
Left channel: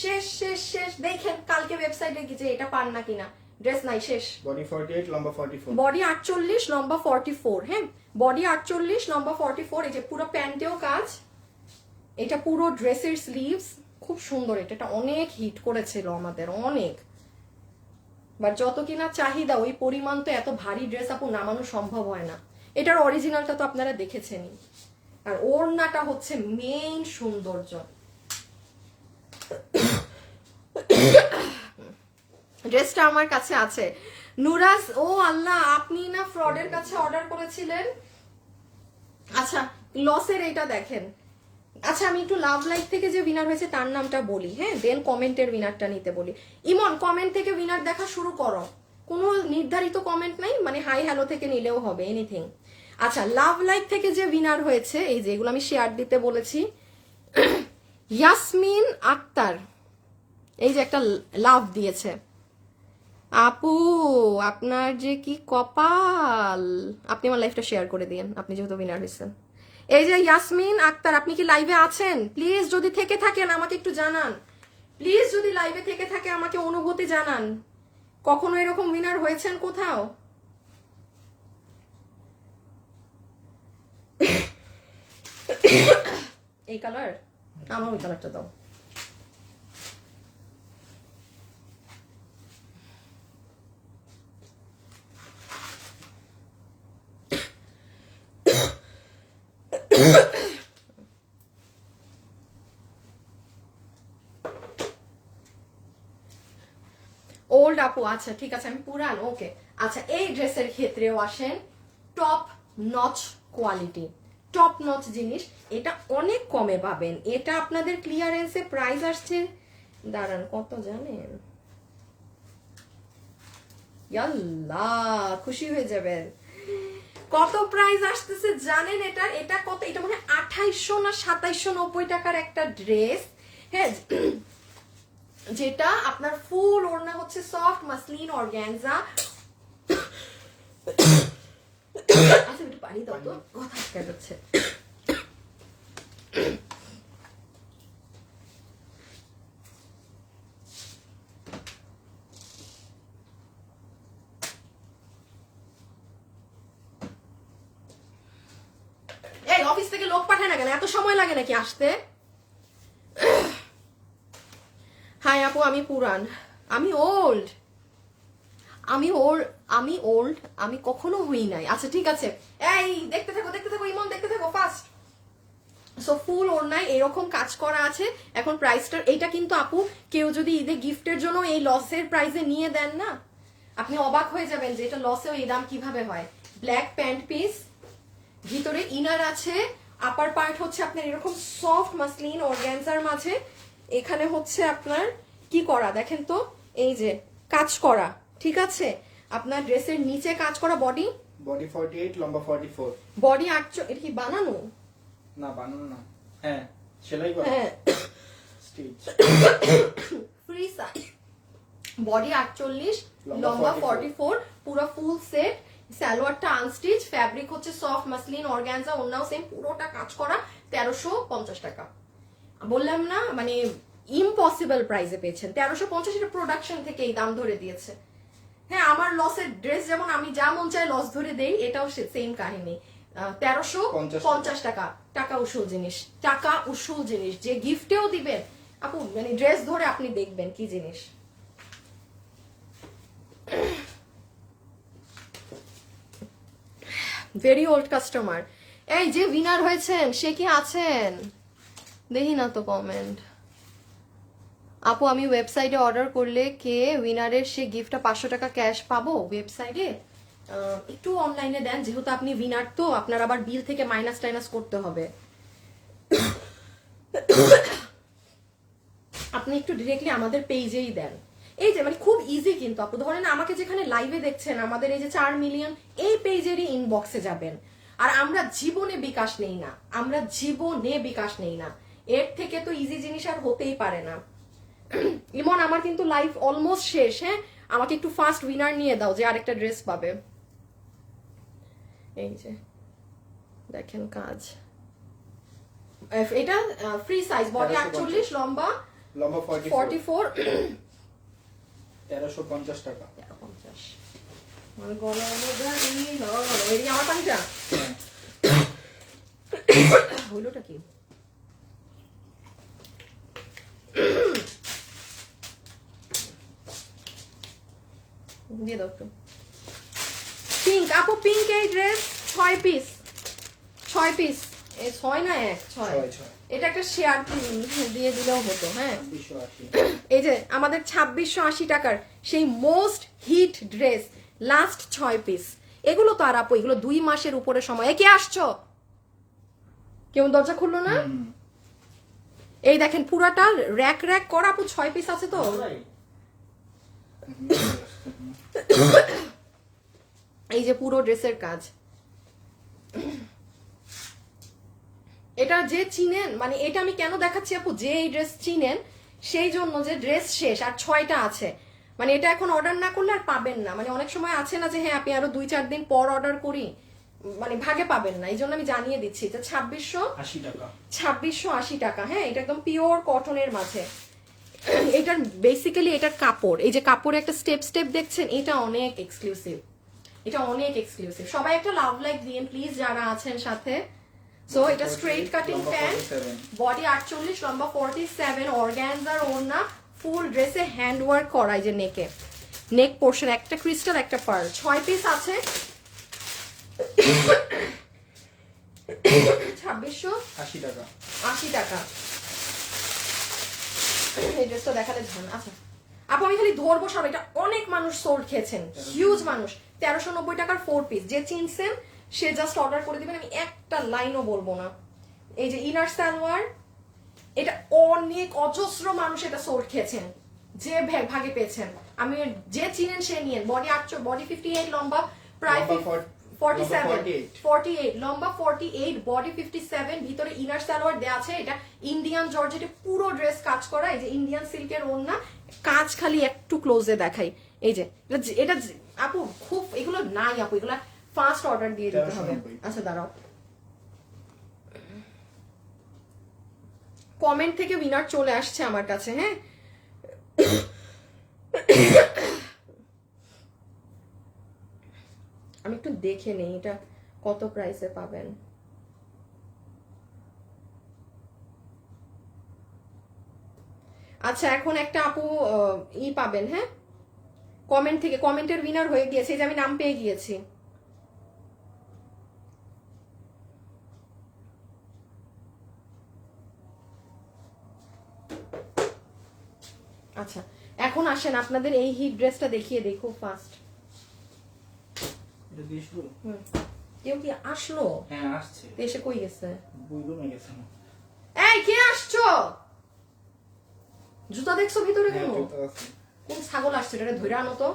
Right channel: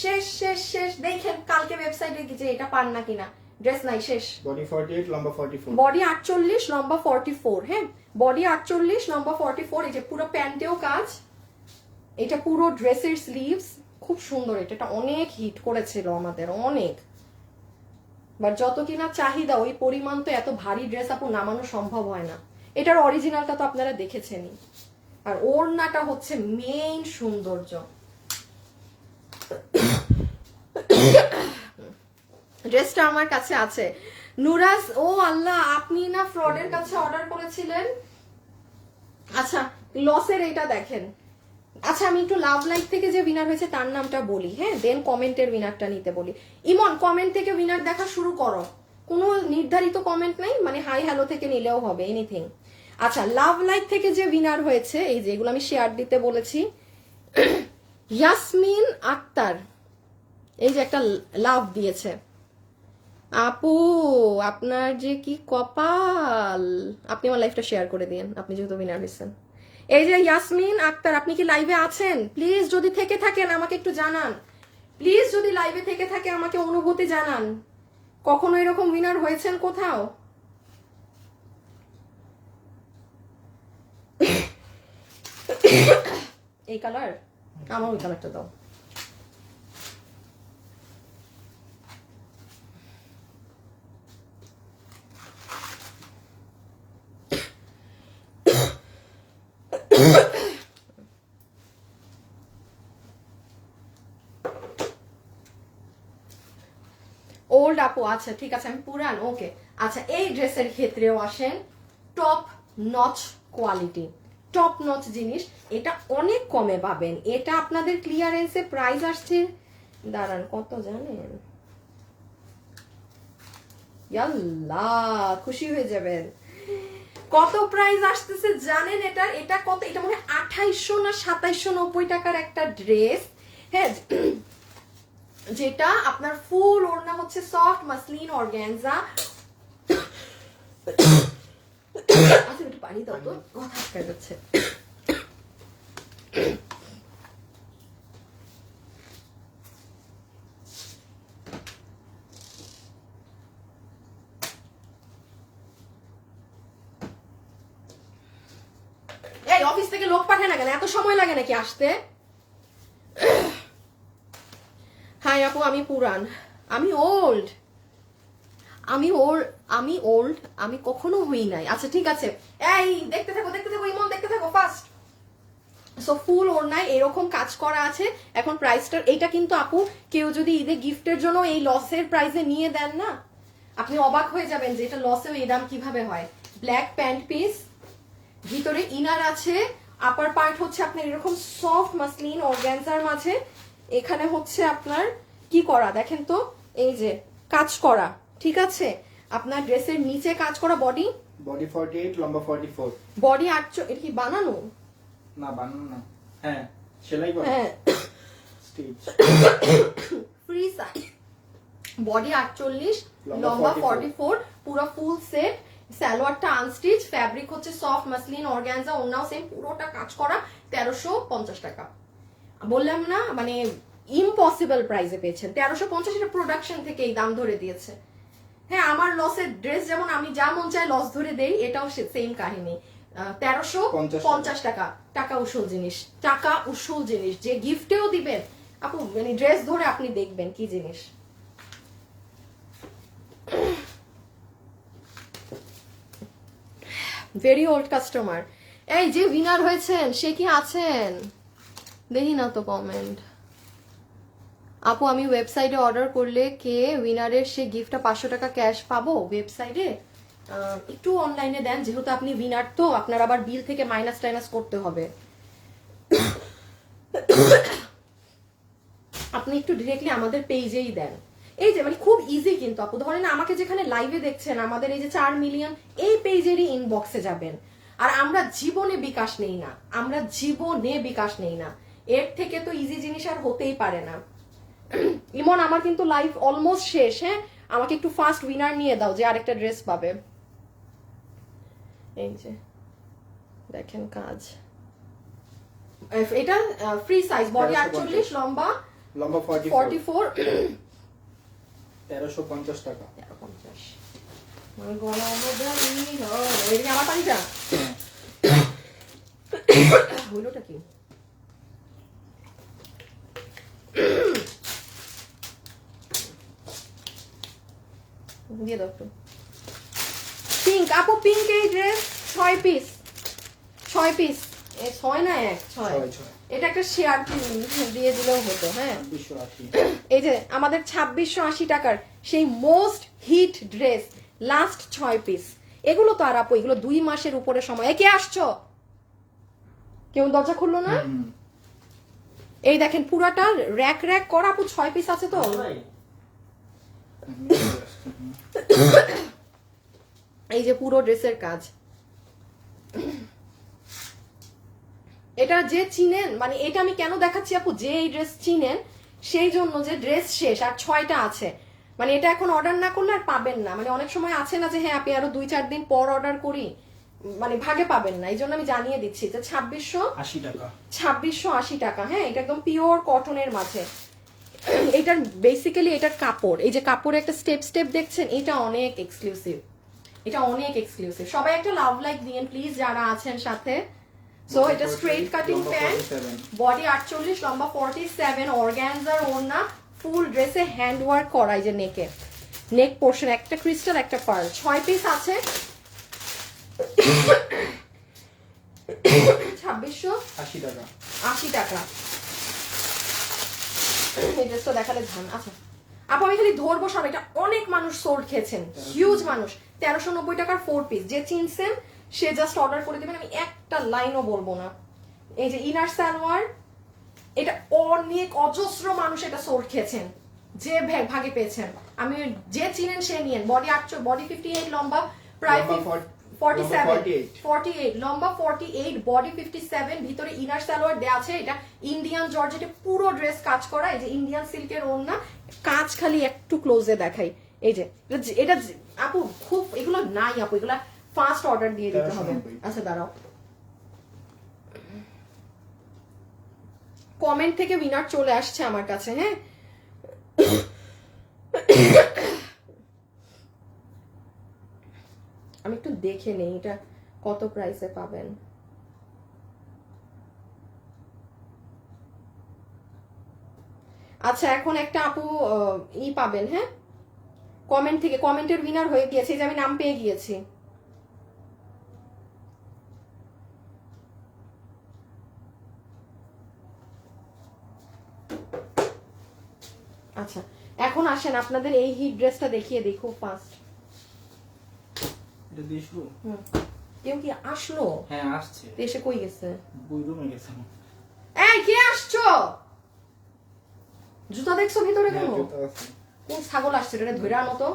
শেষ শেষ শেষ। দেখেন কালকে ওয়েবসাইটে গিয়ে এটা পান না কিনা, ড্রেস নাই, শেষ। বডি 48 লম্বা 44, বডি 48 লম্বা 44। হ্যাঁ, বডি 48 লম্বা 44। এই যে পুরো প্যান্টেও কাজ, এটা পুরো ড্রেসের স্লিভস, খুব সুন্দর। এটা অনেক হিট করেছিল আমাদের, অনেক। বাট যত কিনা চাহিদা ওই পরিমাণ তো এত ভারী ড্রেস আপু নামানো সম্ভব হয় না। এটার অরিজিনালটা তো আপনারা দেখেছেনই, আর ওড়নাটা হচ্ছে মেইন সৌন্দর্য। ড্রেসটা আমার কাছে আছে। নুরাজ, ও আল্লাহ, আপনি না ফ্রডের কাছে অর্ডার করেছিলেন? আচ্ছা, লসের এইটা দেখেন। আচ্ছা, আমি একটু লাভ লাইফ থেকে যে উইনার হয়েছে তার নামটা বলি, হ্যাঁ, দেন কমেন্টের উইনারটা নিতে বলি। ইমন, কমেন্ট থেকে উইনার দেখা শুরু করো, কোনো নির্ধারিত কমেন্ট নাই, মানে হাই হ্যালো থেকে নিলেও হবে, এনিথিং। আচ্ছা, লাভ লাইফ থেকে যে উইনার হয়েছে, এই যে এগুলো আমি শেয়ার দিতে বলেছি, ইয়াসমিন আক্তার, এই যে একটা লাভ দিয়েছে। আপু, আপনার যে কি কপাল, আপনি আমার লাইফটা শেয়ার করে দিন, আপনি যেহেতু উইনার হয়েছেন। এই যে ইয়াসমিন আক্তার, আপনি কি লাইভে আছেন? প্লিজ যদি থেকে থাকেন আমাকে একটু জানান, প্লিজ যদি লাইভে থেকে থাকে আমাকে অনুভূতি জানান, কখনো এরকম উইনার হয়েছেন কোথাও? এই কালার, আমার ওই কালারটা দাও। ওল্ড আপু, আচ্ছা ঠিক আছে, আমি পুরান, ওকে। আচ্ছা, এই ড্রেসের ক্ষেত্রেও আসেন top notch quality, top notch জিনিস। এটা অনেক কমে পাবেন। এটা আপনাদের ক্লিয়ারেন্সে প্রাইস আসছে, দাঁড়ান কত জানেন, ইয়াল্লা খুশি হয়ে যাবেন। কত প্রাইস আসতেছে জানেন? এটা কত, এটা মনে হয় 2800 না 2790 টাকার একটা ড্রেস, হ্যাঁ, যেটা আপনার ফুল ওড়না হচ্ছে সফট মাসলিন অর্গানজা। আচ্ছা একটু পানি দাও তো, কথা আটকে যাচ্ছে। এই অফিস থেকে লোক পাঠায় না কেন, এত সময় লাগে নাকি আসতে? হাই আপু, আমি পুরান, আমি ওল্ড, আমি কখনো হই নাই। আচ্ছা ঠিক আছে, এই দেখতে থাকো ইমন, দেখতে থাকো ফাস্ট। সো ফুল ওড়নায় এরকম কাজ করা আছে। এখন প্রাইসটা, এটা কিন্তু আপু কেউ যদি ঈদে গিফটের জন্য এই লসের প্রাইসে নিয়ে দেন না, আপনি অবাক হয়ে যাবেন যে এটা লসেও এই দাম কিভাবে হয়। ব্ল্যাক প্যান্ট পিস, ভিতরে ইনার আছে, আপার পার্ট হচ্ছে আপনার এরকম সফট মাসলিন অর্গানজার মাঝে, এখানে হচ্ছে আপনার কি করা দেখেন তো, এই যে কাজ করা, ঠিক আছে। আপনার ড্রেসের নিচে কাজ করা, বডি 48, লম্বা 44। বডি 8, এটা কি বানানো? না বানানো না, হ্যাঁ সেলাই করা, হ্যাঁ, স্টিচ। ফ্রি সাইজ, বডি 48, লম্বা লম্বা 44, 44, পুরো ফুল সেট। সালোয়ারটা আনস্টিচ, ফ্যাব্রিক হচ্ছে সফট মাসলিন অর্গানজা, ওনাও সেম, পুরোটা কাজ করা, 1350 টাকা। বললাম না, মানে ইম্পসিবল প্রাইসে পেয়েছেন 1350। এটা প্রোডাকশন থেকে এই দাম ধরে দিয়েছে। হ্যাঁ, আমার লসের ড্রেস যেমন আমি যা মন চাই লস ধরে দেই, এটাও সেম কাহিনী। 1350 টাকা, টাকা উসুল জিনিস, টাকা উসুল জিনিস। যে গিফটেও দিবে আপু, মানে ড্রেস ধরে আপনি দেখবেন কি জিনিস। Very old customer. এই যে উইনার হয়েছেন সে কি আছেন? দেখি না তো কমেন্ট। আপু, আমি ওয়েবসাইটে অর্ডার করলে কে উইনারের সে গিফটটা 500 টাকা ক্যাশ পাবো ওয়েবসাইটে? একটু অনলাইনে দেন, যেহেতু আপনি উইনার তো আপনার আবার বিল থেকে মাইনাস টাইনাস করতে হবে। আপনি একটু ডিরেক্টলি আমাদের পেজেই দেন। এই যে মানে খুব ইজি কিন্তু আপু, ধরেন আমাকে যেখানে লাইভে দেখছেন, আমাদের এই যে 4 মিলিয়ন, এই পেজেরই ইনবক্সে যাবেন। আর আমরা জীবনে বিকাশ নেই না, আমরা জীবনে বিকাশ নেই না, এর থেকে তো ইজি জিনিস আর হতেই পারে না। ইমন, আমার কিন্তু লাইফ অলমোস্ট শেষ, হ্যাঁ, আমাকে একটু ফাস্ট উইনার নিয়ে দাও যে আরেকটা ড্রেস পাবে। এই যে দেখেন কাজ, এটা ফ্রি সাইজ, বডি 48, লম্বা 44, 1350 টাকা। 1350। আমার গলা এদিকে আমার পানিটা হইলোটা কি? দিয়ে দাও একটু। পিঙ্ক আপু, পিঙ্ক এই ড্রেস 6 পিস, 6 পিস, 6 না 1, 6। এটা একটা শেয়ার দিয়ে দিলেও হতো, হ্যাঁ। 280। এই যে আমাদের 2680 টাকার সেই most hit dress, last 6 piece. এগুলো তো আর আপু, এগুলো 2 মাসের উপরে সময়। কে আসছো? কেউ দরজা খুললো না? এই দেখেন পুরাটা র্যাক র্যাক করা আপু, 6 পিস আছে তো। এই যে পুরো ড্রেসের কাজ, এটা যে চিনেন, মানে এটা আমি কেন দেখাচ্ছি আপু, যে এই ড্রেস চিনেন সেই জন্য, যে ড্রেস শেষ আর 6টা আছে, মানে এটা এখন অর্ডার না করলে আর পাবেন না। মানে অনেক সময় আছে না যে হ্যাঁ আপনি আরো 2-4 দিন পর অর্ডার করি, মানে ভাগে পাবেন না। এই জন্য আমি জানিয়ে দিচ্ছি যে 2680 টাকা, 2680 টাকা, হ্যাঁ। এটা একদম পিওর কটনের মাঝে। এটার বেসিক্যালি এটার কাপড়, এই যে কাপড়ে একটা স্টেপ স্টেপ দেখছেন, এটা অনেক এক্সক্লুসিভ, এটা অনেক এক্সক্লুসিভ। সবাই একটা লাভ লাইক দিন প্লিজ যারা আছেন সাথে। সো এটা স্ট্রেট কাটিং প্যান্ট, বডি 48, লম্বা 47, অর্গানজার ওড়না, ফুল ড্রেসে হ্যান্ড ওয়ার্ক করা, এই যে নেকে, নেক পোর্শন একটা ক্রিস্টাল একটা পার্ল, 6 পিস আছে। 80 টাকা 80 টাকা। এই ড্রেসটা দেখালে ধান। আচ্ছা আপু আমি খালি ধরবো সব, এটা অনেক মানুষ সোল্ড খেয়েছেন, হিউজ মানুষ। 1390 টাকার 4 পিস, যে চিনছেন সে জাস্ট অর্ডার করে দিবেন, আমি একটা লাইনও বলবো না। এই যে ইনার সালোয়ার, এটা অনেক অজস্র মানুষ এটা সোল্ড খেয়েছেন, যে ভাগে পেয়েছেন। আমি যে চিনেন সে নিয়েন। বডি 8, বডি 58, লম্বা প্রায় 48, লম্বা 48, বডি 57, ভিতরে ইনার সালোয়ার দেয়া আছে। এটা ইন্ডিয়ান জর্জেটে পুরো ড্রেস কাজ করা। এই যে ইন্ডিয়ান সিল্কের ওড়না, কাজ খালি একটু ক্লোজে দেখাই। এই যে এটা আপু খুব এগুলো নাই আপু, এগুলা ফাস্ট অর্ডার দিয়ে দিতে হবে। আচ্ছা দাঁড়াও, কমেন্ট থেকে উইনার চলে আসছে আমার কাছে। হ্যাঁ আমি একটু দেখে নেই এটা কত প্রাইসে পাবেন। আচ্ছা এখন একটা আপু পাবেন, হ্যাঁ কমেন্ট থেকে, কমেন্টের উইনার হয়ে গিয়েছে, যে আমি নাম পেয়ে গিয়েছি। আচ্ছা এখন আসেন আপনাদের এই হিট ড্রেসটা দেখিয়ে দেখো ফার্স্ট। এটা দিয়ে শুরু। কেউ কি আসলো? হ্যাঁ আসছে। এসে কই গেছে? বুইরুমে গেছে। এই কে আসছো? জুতা দেখছো ভিতরে কেন? কোন ছাগল আসছে? এটা ধরে আনো তো।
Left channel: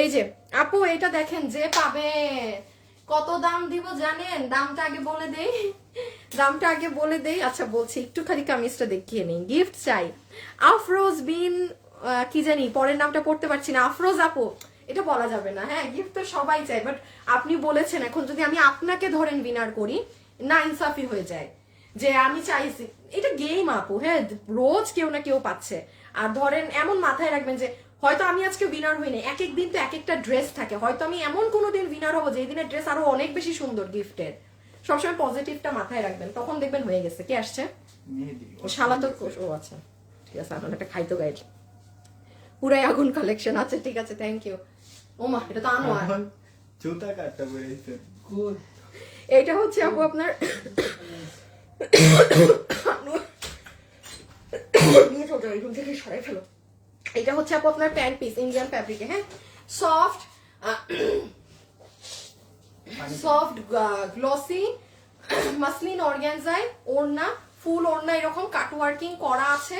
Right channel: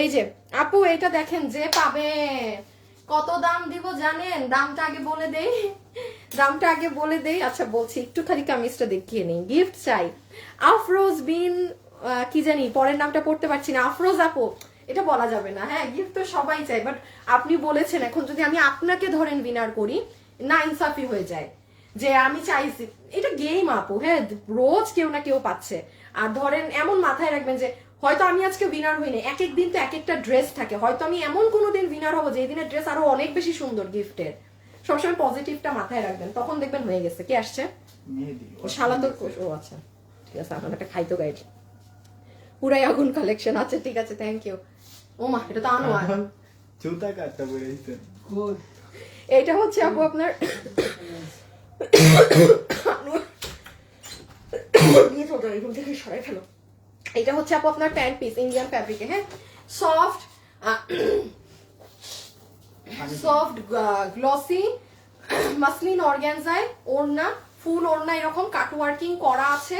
এই যে আপু এটা দেখেন, যে পাবে। কত দাম দিব জানেন? দামটা আগে বলে দেই, দামটা আগে বলে দেই। আচ্ছা বলছি, একটু খালি কামিজটা দেখিয়ে নেই। গিফট চাই আফরোজ বিন কি জানি পরের নামটা পড়তে পারছি না। আফরোজ আপু এটা বলা যাবে না। হ্যাঁ গিফট তো সবাই চাই, বাট আপনি বলেছেন, এখন যদি আমি আপনাকে ধরেন উইনার করি, না ইনসাফি হয়ে যায়। যে আমি চাইছি, এটা গেম আপু। হ্যাঁ রোজ কেউ না কেউ পাচ্ছে। আর ধরেন এমন মাথায় রাখবেন যে হয়তো আমি আজকে উইনার হই না, এক এক দিন তো এক একটা ড্রেস থাকে, হয়তো আমি এমন কোনো দিন উইনার হবো যে দিনের ড্রেস আরো অনেক বেশি সুন্দর গিফটের। সবসময় পজিটিভটা মাথায় রাখবেন, তখন দেখবেন হয়ে গেছে। কে আসছে? শালা তো। ও আচ্ছা ঠিক আছে, আপনার একটা খাইতো গাইড পুরাই আগুন কালেকশন আছে। ঠিক আছে থ্যাংক ইউ। ও মা এটা তো আনো। জুতা কাটটা পরে দিতে। এইটা হচ্ছে আপু আপনার নিয়ে চলতে রুম থেকে সরাই ফেলো। এটা হচ্ছে আপু আপনার প্যান্ট পিস, ইন্ডিয়ান ফ্যাব্রিকে। হ্যাঁ সফট সফট গ্লসি মাসলিন অর্গানজায় ওড়না, ফুল ওড়না এরকম কাট ওয়ার্কিং করা আছে।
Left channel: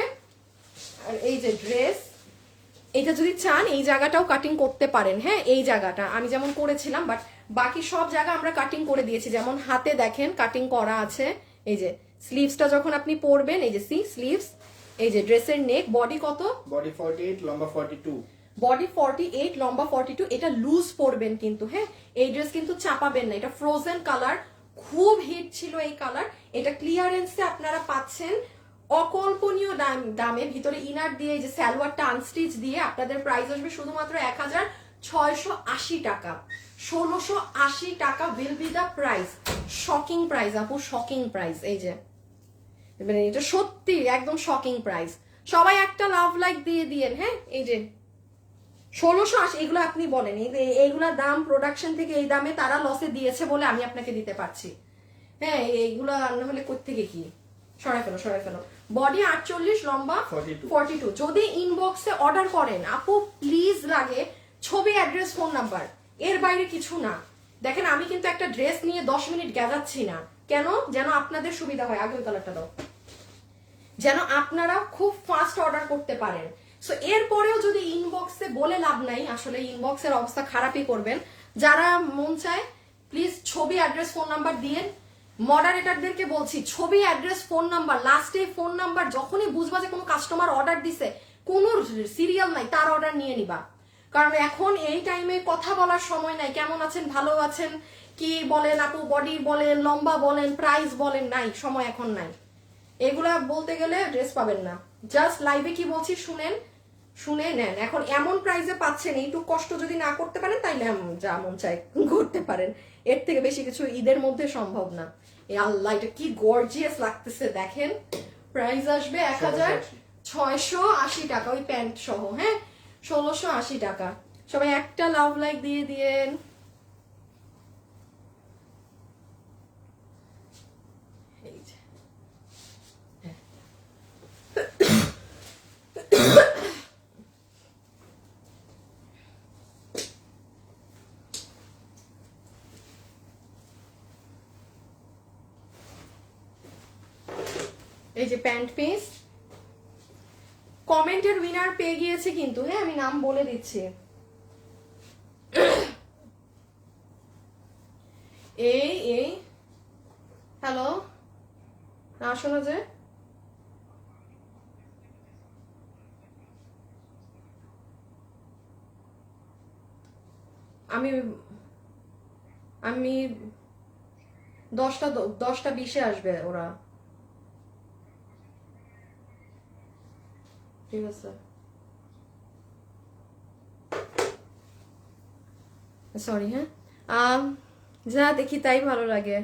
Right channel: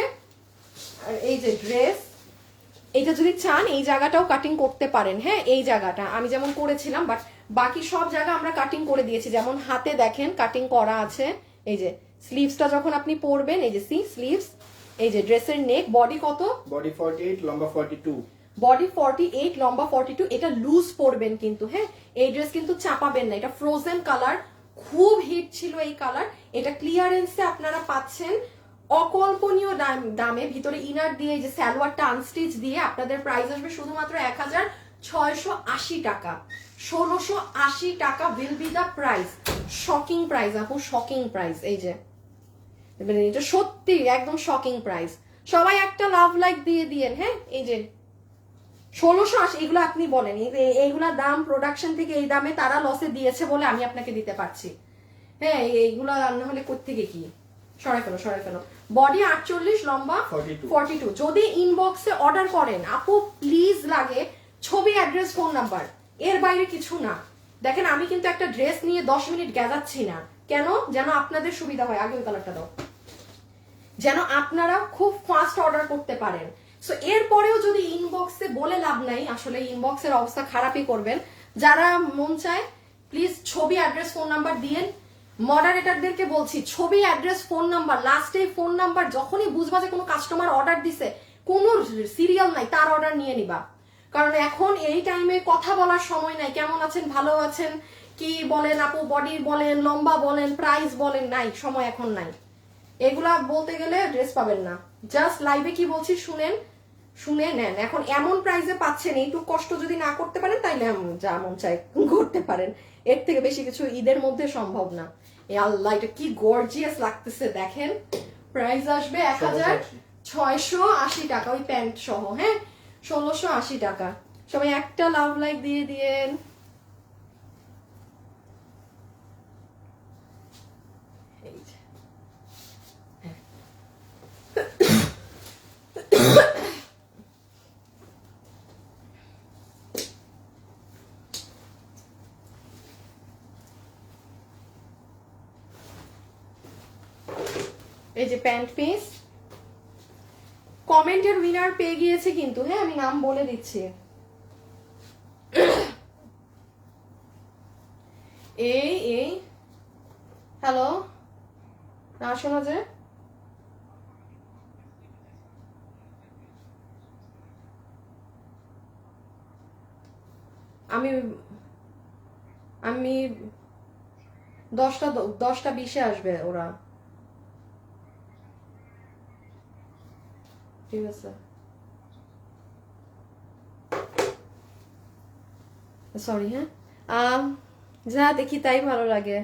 এই যে ড্রেস, এইটা যদি চান এই জায়গাটাও কাটিং করতে পারেন। হ্যাঁ এই জায়গাটা আমি যেমন করেছিলাম, বাট বাকি সব জায়গা আমরা কাটিং করে দিয়েছি। যেমন হাতে দেখেন কাটিং করা আছে। এই যে স্লিভসটা যখন আপনি পরবেন, এই যে স্লিভস, এই যে ড্রেসের নেক। বডি কত? বডি 48, লম্বা 42। বডি 48, লম্বা 42। এটা লুজ পরবেন কিন্তু। হ্যাঁ এই ড্রেস কিন্তু চাপাবেন না। এটা ফ্রোজেন কালার, খুব হিট ছিল এই কালার। এটা ক্লিয়ারেন্সে আপনারা পাচ্ছেন অকল্পনীয় দামে। ভিতরে ইনার দিয়ে যে সালোয়ারটা আনস্টিচ দিয়ে আপনাদের প্রাইস আসবে শুধুমাত্র 1680 টাকা। 1680 টাকা will be the price. Shocking price আপু, শকিং প্রাইস। এই যে এটা সত্যি একদম শকিং প্রাইস। সবাই একটা লাভ লাইক দিয়ে দিয়েন। হ্যাঁ এই যে 1680, এগুলো আপনি বলেন এইগুলা দাম প্রোডাকশন থেকে এই দামে তারা লসে দিয়েছে বলে আমি আপনাকে দিতে পারছি। হ্যাঁ এইগুলো রান্না হলে কোত্থেকে কি। সরাই ফেলো। বডি 48, লম্বা 42। যদি ইনবক্সে অর্ডার করেন আপু প্লিজ লাগে ছবি, অ্যাড্রেস, ফোন নাম্বার, এর বাইরে কিছু না। দেখেন আমি কিন্তু একটা ড্রেস নিয়ে 10 মিনিট গেজাচ্ছি না। কেন? যেন আপনাদের সুবিধা হয়। আগে ওই কালারটা দাও, যেন আপনারা খুব ফাস্ট অর্ডার করতে পারেন। সো এরপরেও যদি ইনবক্সে বলে লাভ নাই, আসলে ইনবক্সের অবস্থা খারাপই করবেন। যারা মন চায় প্লিজ ছবি, অ্যাড্রেস, ফোন নাম্বার দিয়েন। মডারেটরদেরকে বলছি ছবি, অ্যাড্রেস, ফোন নাম্বার, লাস্টে ফোন নাম্বার যখনই বুঝবা যে কোনো কাস্টমার অর্ডার দিছে, কোনো সিরিয়াল নাই, তার অর্ডার নিয়ে নিবা। কারণ এখন এই টাইমে কথা বলার সময় নাই। কেমন আছেন, ভালো আছেন, কি বলেন আপু, বডি বলেন, লম্বা বলেন, প্রাইস বলেন, নাই সময় এখন নাই। এগুলা বলতে গেলে ড্রেস পাবেন না। জাস্ট লাইভে কি বলছি শুনে নেন। এখন এমন প্রাইসে পাচ্ছেন, এইটুকু কষ্ট যদি না করতে পারেন তাইলে যা মন চায় করতে পারেন। এর থেকে বেশি কিছু ঈদের মধ্যে সম্ভব না। আল্লাহ এটা কি গর্জিয়াস লাগতেছে দেখেন। প্রাইস আসবে 1680 টাকা ওই প্যান্ট সহ। হ্যাঁ 1680 টাকা। সবাই একটা লাভ লাইক দিয়ে দিয়েন। এই যে। হ্যাঁ। এই যে প্যান্ট পিস, কমেন্টের উইনার পেয়ে গিয়েছে কিন্তু, হ্যাঁ আমি নাম বলে দিচ্ছি। এই হ্যালো, না শোনা যায়? আমি আমি 10টা 20-এ আসবে ওরা। ঠিক আছে, সরি। হ্যাঁ, যা দেখি তাই ভালো লাগে।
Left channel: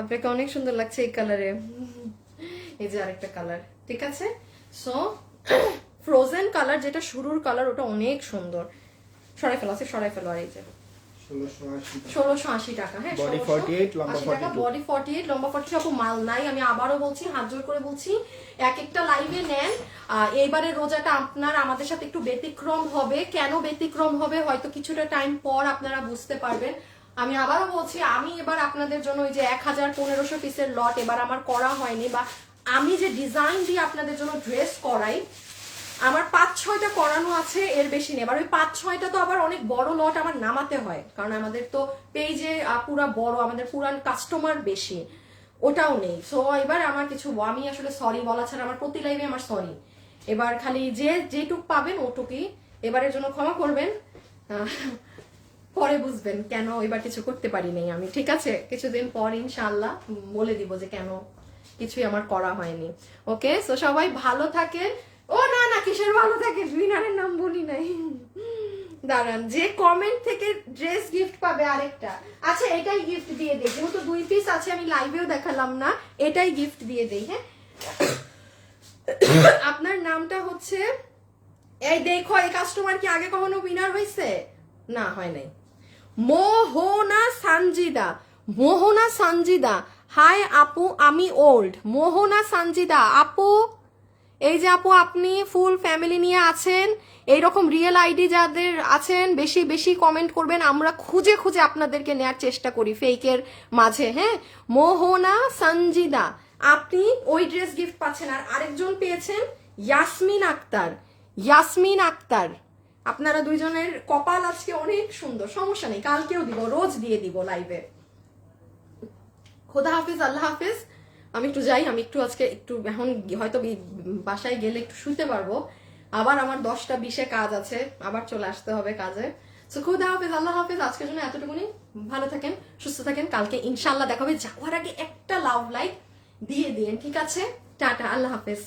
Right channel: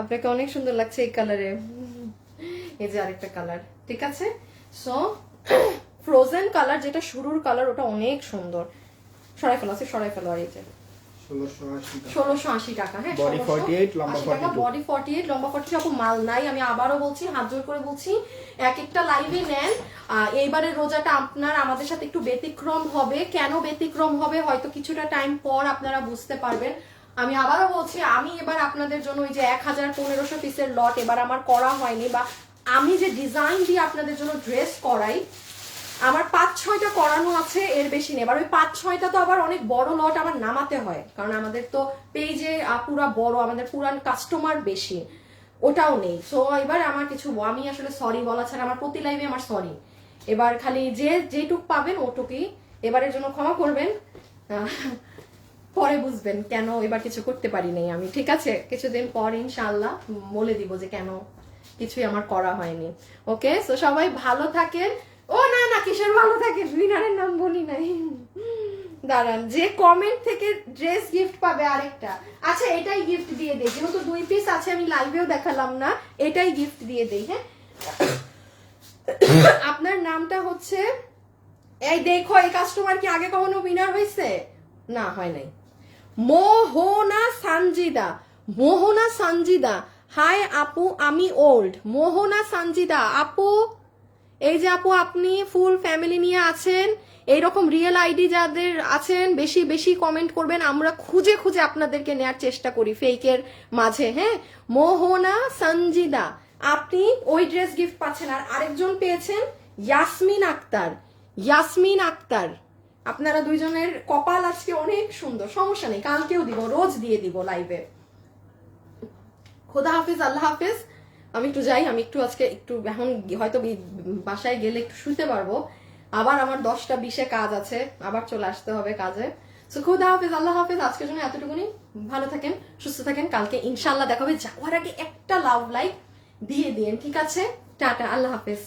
আপনাকে অনেক সুন্দর লাগছে এই কালারে। এই যে আরেকটা কালার, ঠিক আছে। সো ফ্রোজেন কালার, যেটা শুরুর কালার, ওটা অনেক সুন্দর। সরাই ফেলো, সরাই ফেলো। আর এই যে 1680 টাকা। হ্যাঁ, বডি 48 লম্বা 42, 42। বডি 48 লম্বা 42। আপু মাল নাই, আমি আবারও বলছি, হাত জোর করে বলছি, এক একটা লাইভে নেন। এইবারে রোজাটা আপনার আমাদের সাথে একটু ব্যতিক্রম হবে। কেন ব্যতিক্রম হবে হয়তো কিছুটা টাইম পর আপনারা বুঝতে পারবেন। আমি আবারও বলছি, আমি এবার আপনাদের জন্য ওই যে 1000-1500 পিসের লট এবার আমার করা হয়নি, বা আমি যে ডিজাইন দিয়ে আপনাদের জন্য ড্রেস করাই, আমার 5-6টা করানো আছে, এর বেশি নেই। এবার ওই 5-6টা তো আবার অনেক বড় লট আমার নামাতে হয়, কারণ আমাদের তো পেজে পুরা বড়, আমাদের পুরান কাস্টমার বেশি, ওটাও নেই। সো এবার আমার কিছু, আমি আসলে সরি বলা ছাড়া, আমার প্রতি লাইভে আমার সরি। এবার খালি যেটুক পাবেন ওটুকুই, এবারের জন্য ক্ষমা করবেন। পরে বুঝবেন কেন এবার কিছু করতে পারি নাই আমি, ঠিক আছে। কিছুদিন পর ইনশাআল্লাহ বলে দিব যে কেন কিছুই আমার করা হয়নি। ওকে, সো সবাই ভালো থাকেন। ও না না, কিসের ভালো থাকে, উইনারের নাম বলি নাই, দাঁড়ান। যে কমেন্ট থেকে ড্রেস গিফট পাবে আরেকটা, আচ্ছা এটাই গিফট দিয়ে দেই, যেহেতু 2 পিস আছে, আমি লাইভেও দেখালাম না, এটাই গিফট দিয়ে দেই। হ্যাঁ, আপনার নামটা হচ্ছে, এই দেখো, এই কাস্টমার কি আগে কখনো উইনার হয়েছে? না, হয় নাই। মোহনা সানজিদা, মোহনা সানজিদা, হাই আপু আমি ওল্ড। মোহনা সানজিদা আপু, এই যে আপু, আপনি ফুল ফ্যামিলি নিয়ে আছেন, এইরকম রিয়েল আইডি যাদের আছেন, বেশি বেশি কমেন্ট করবেন, আমরা খুঁজে খুঁজে আপনাদেরকে নেওয়ার চেষ্টা করি ফেকের মাঝে। হ্যাঁ, মোহনা সঞ্জিদা, আপনি ওই ড্রেস গিফট পাচ্ছেন। আর আরেকজন পেয়েছেন ইয়াসমিন আক্তার, ইয়াসমিন আক্তার। আপনারা দুইজনের কপাল আজকে অনেক সুন্দর, সমস্যা নেই, কালকেও দিব, রোজ দিয়ে দিব লাইভে। খোদা হাফিজ, আল্লাহ হাফিজ। আমি একটু যাই, আমি একটু আজকে একটু এখন হয়তো বাসায় গেলে একটু শুতে পারবো, আবার আমার 10টা 20-এ কাজ আছে, আবার চলে আসতে হবে কাজে। সো খোদা হাফিজ, আল্লাহ হাফিজ। আজকের জন্য এতটুকুনি, ভালো থাকেন, সুস্থ থাকেন, কালকে ইনশাল্লাহ দেখা হবে। যাওয়ার আগে একটা লাভ লাইক দিয়ে দিন, ঠিক আছে। টাটা, আল্লাহ হাফিজ।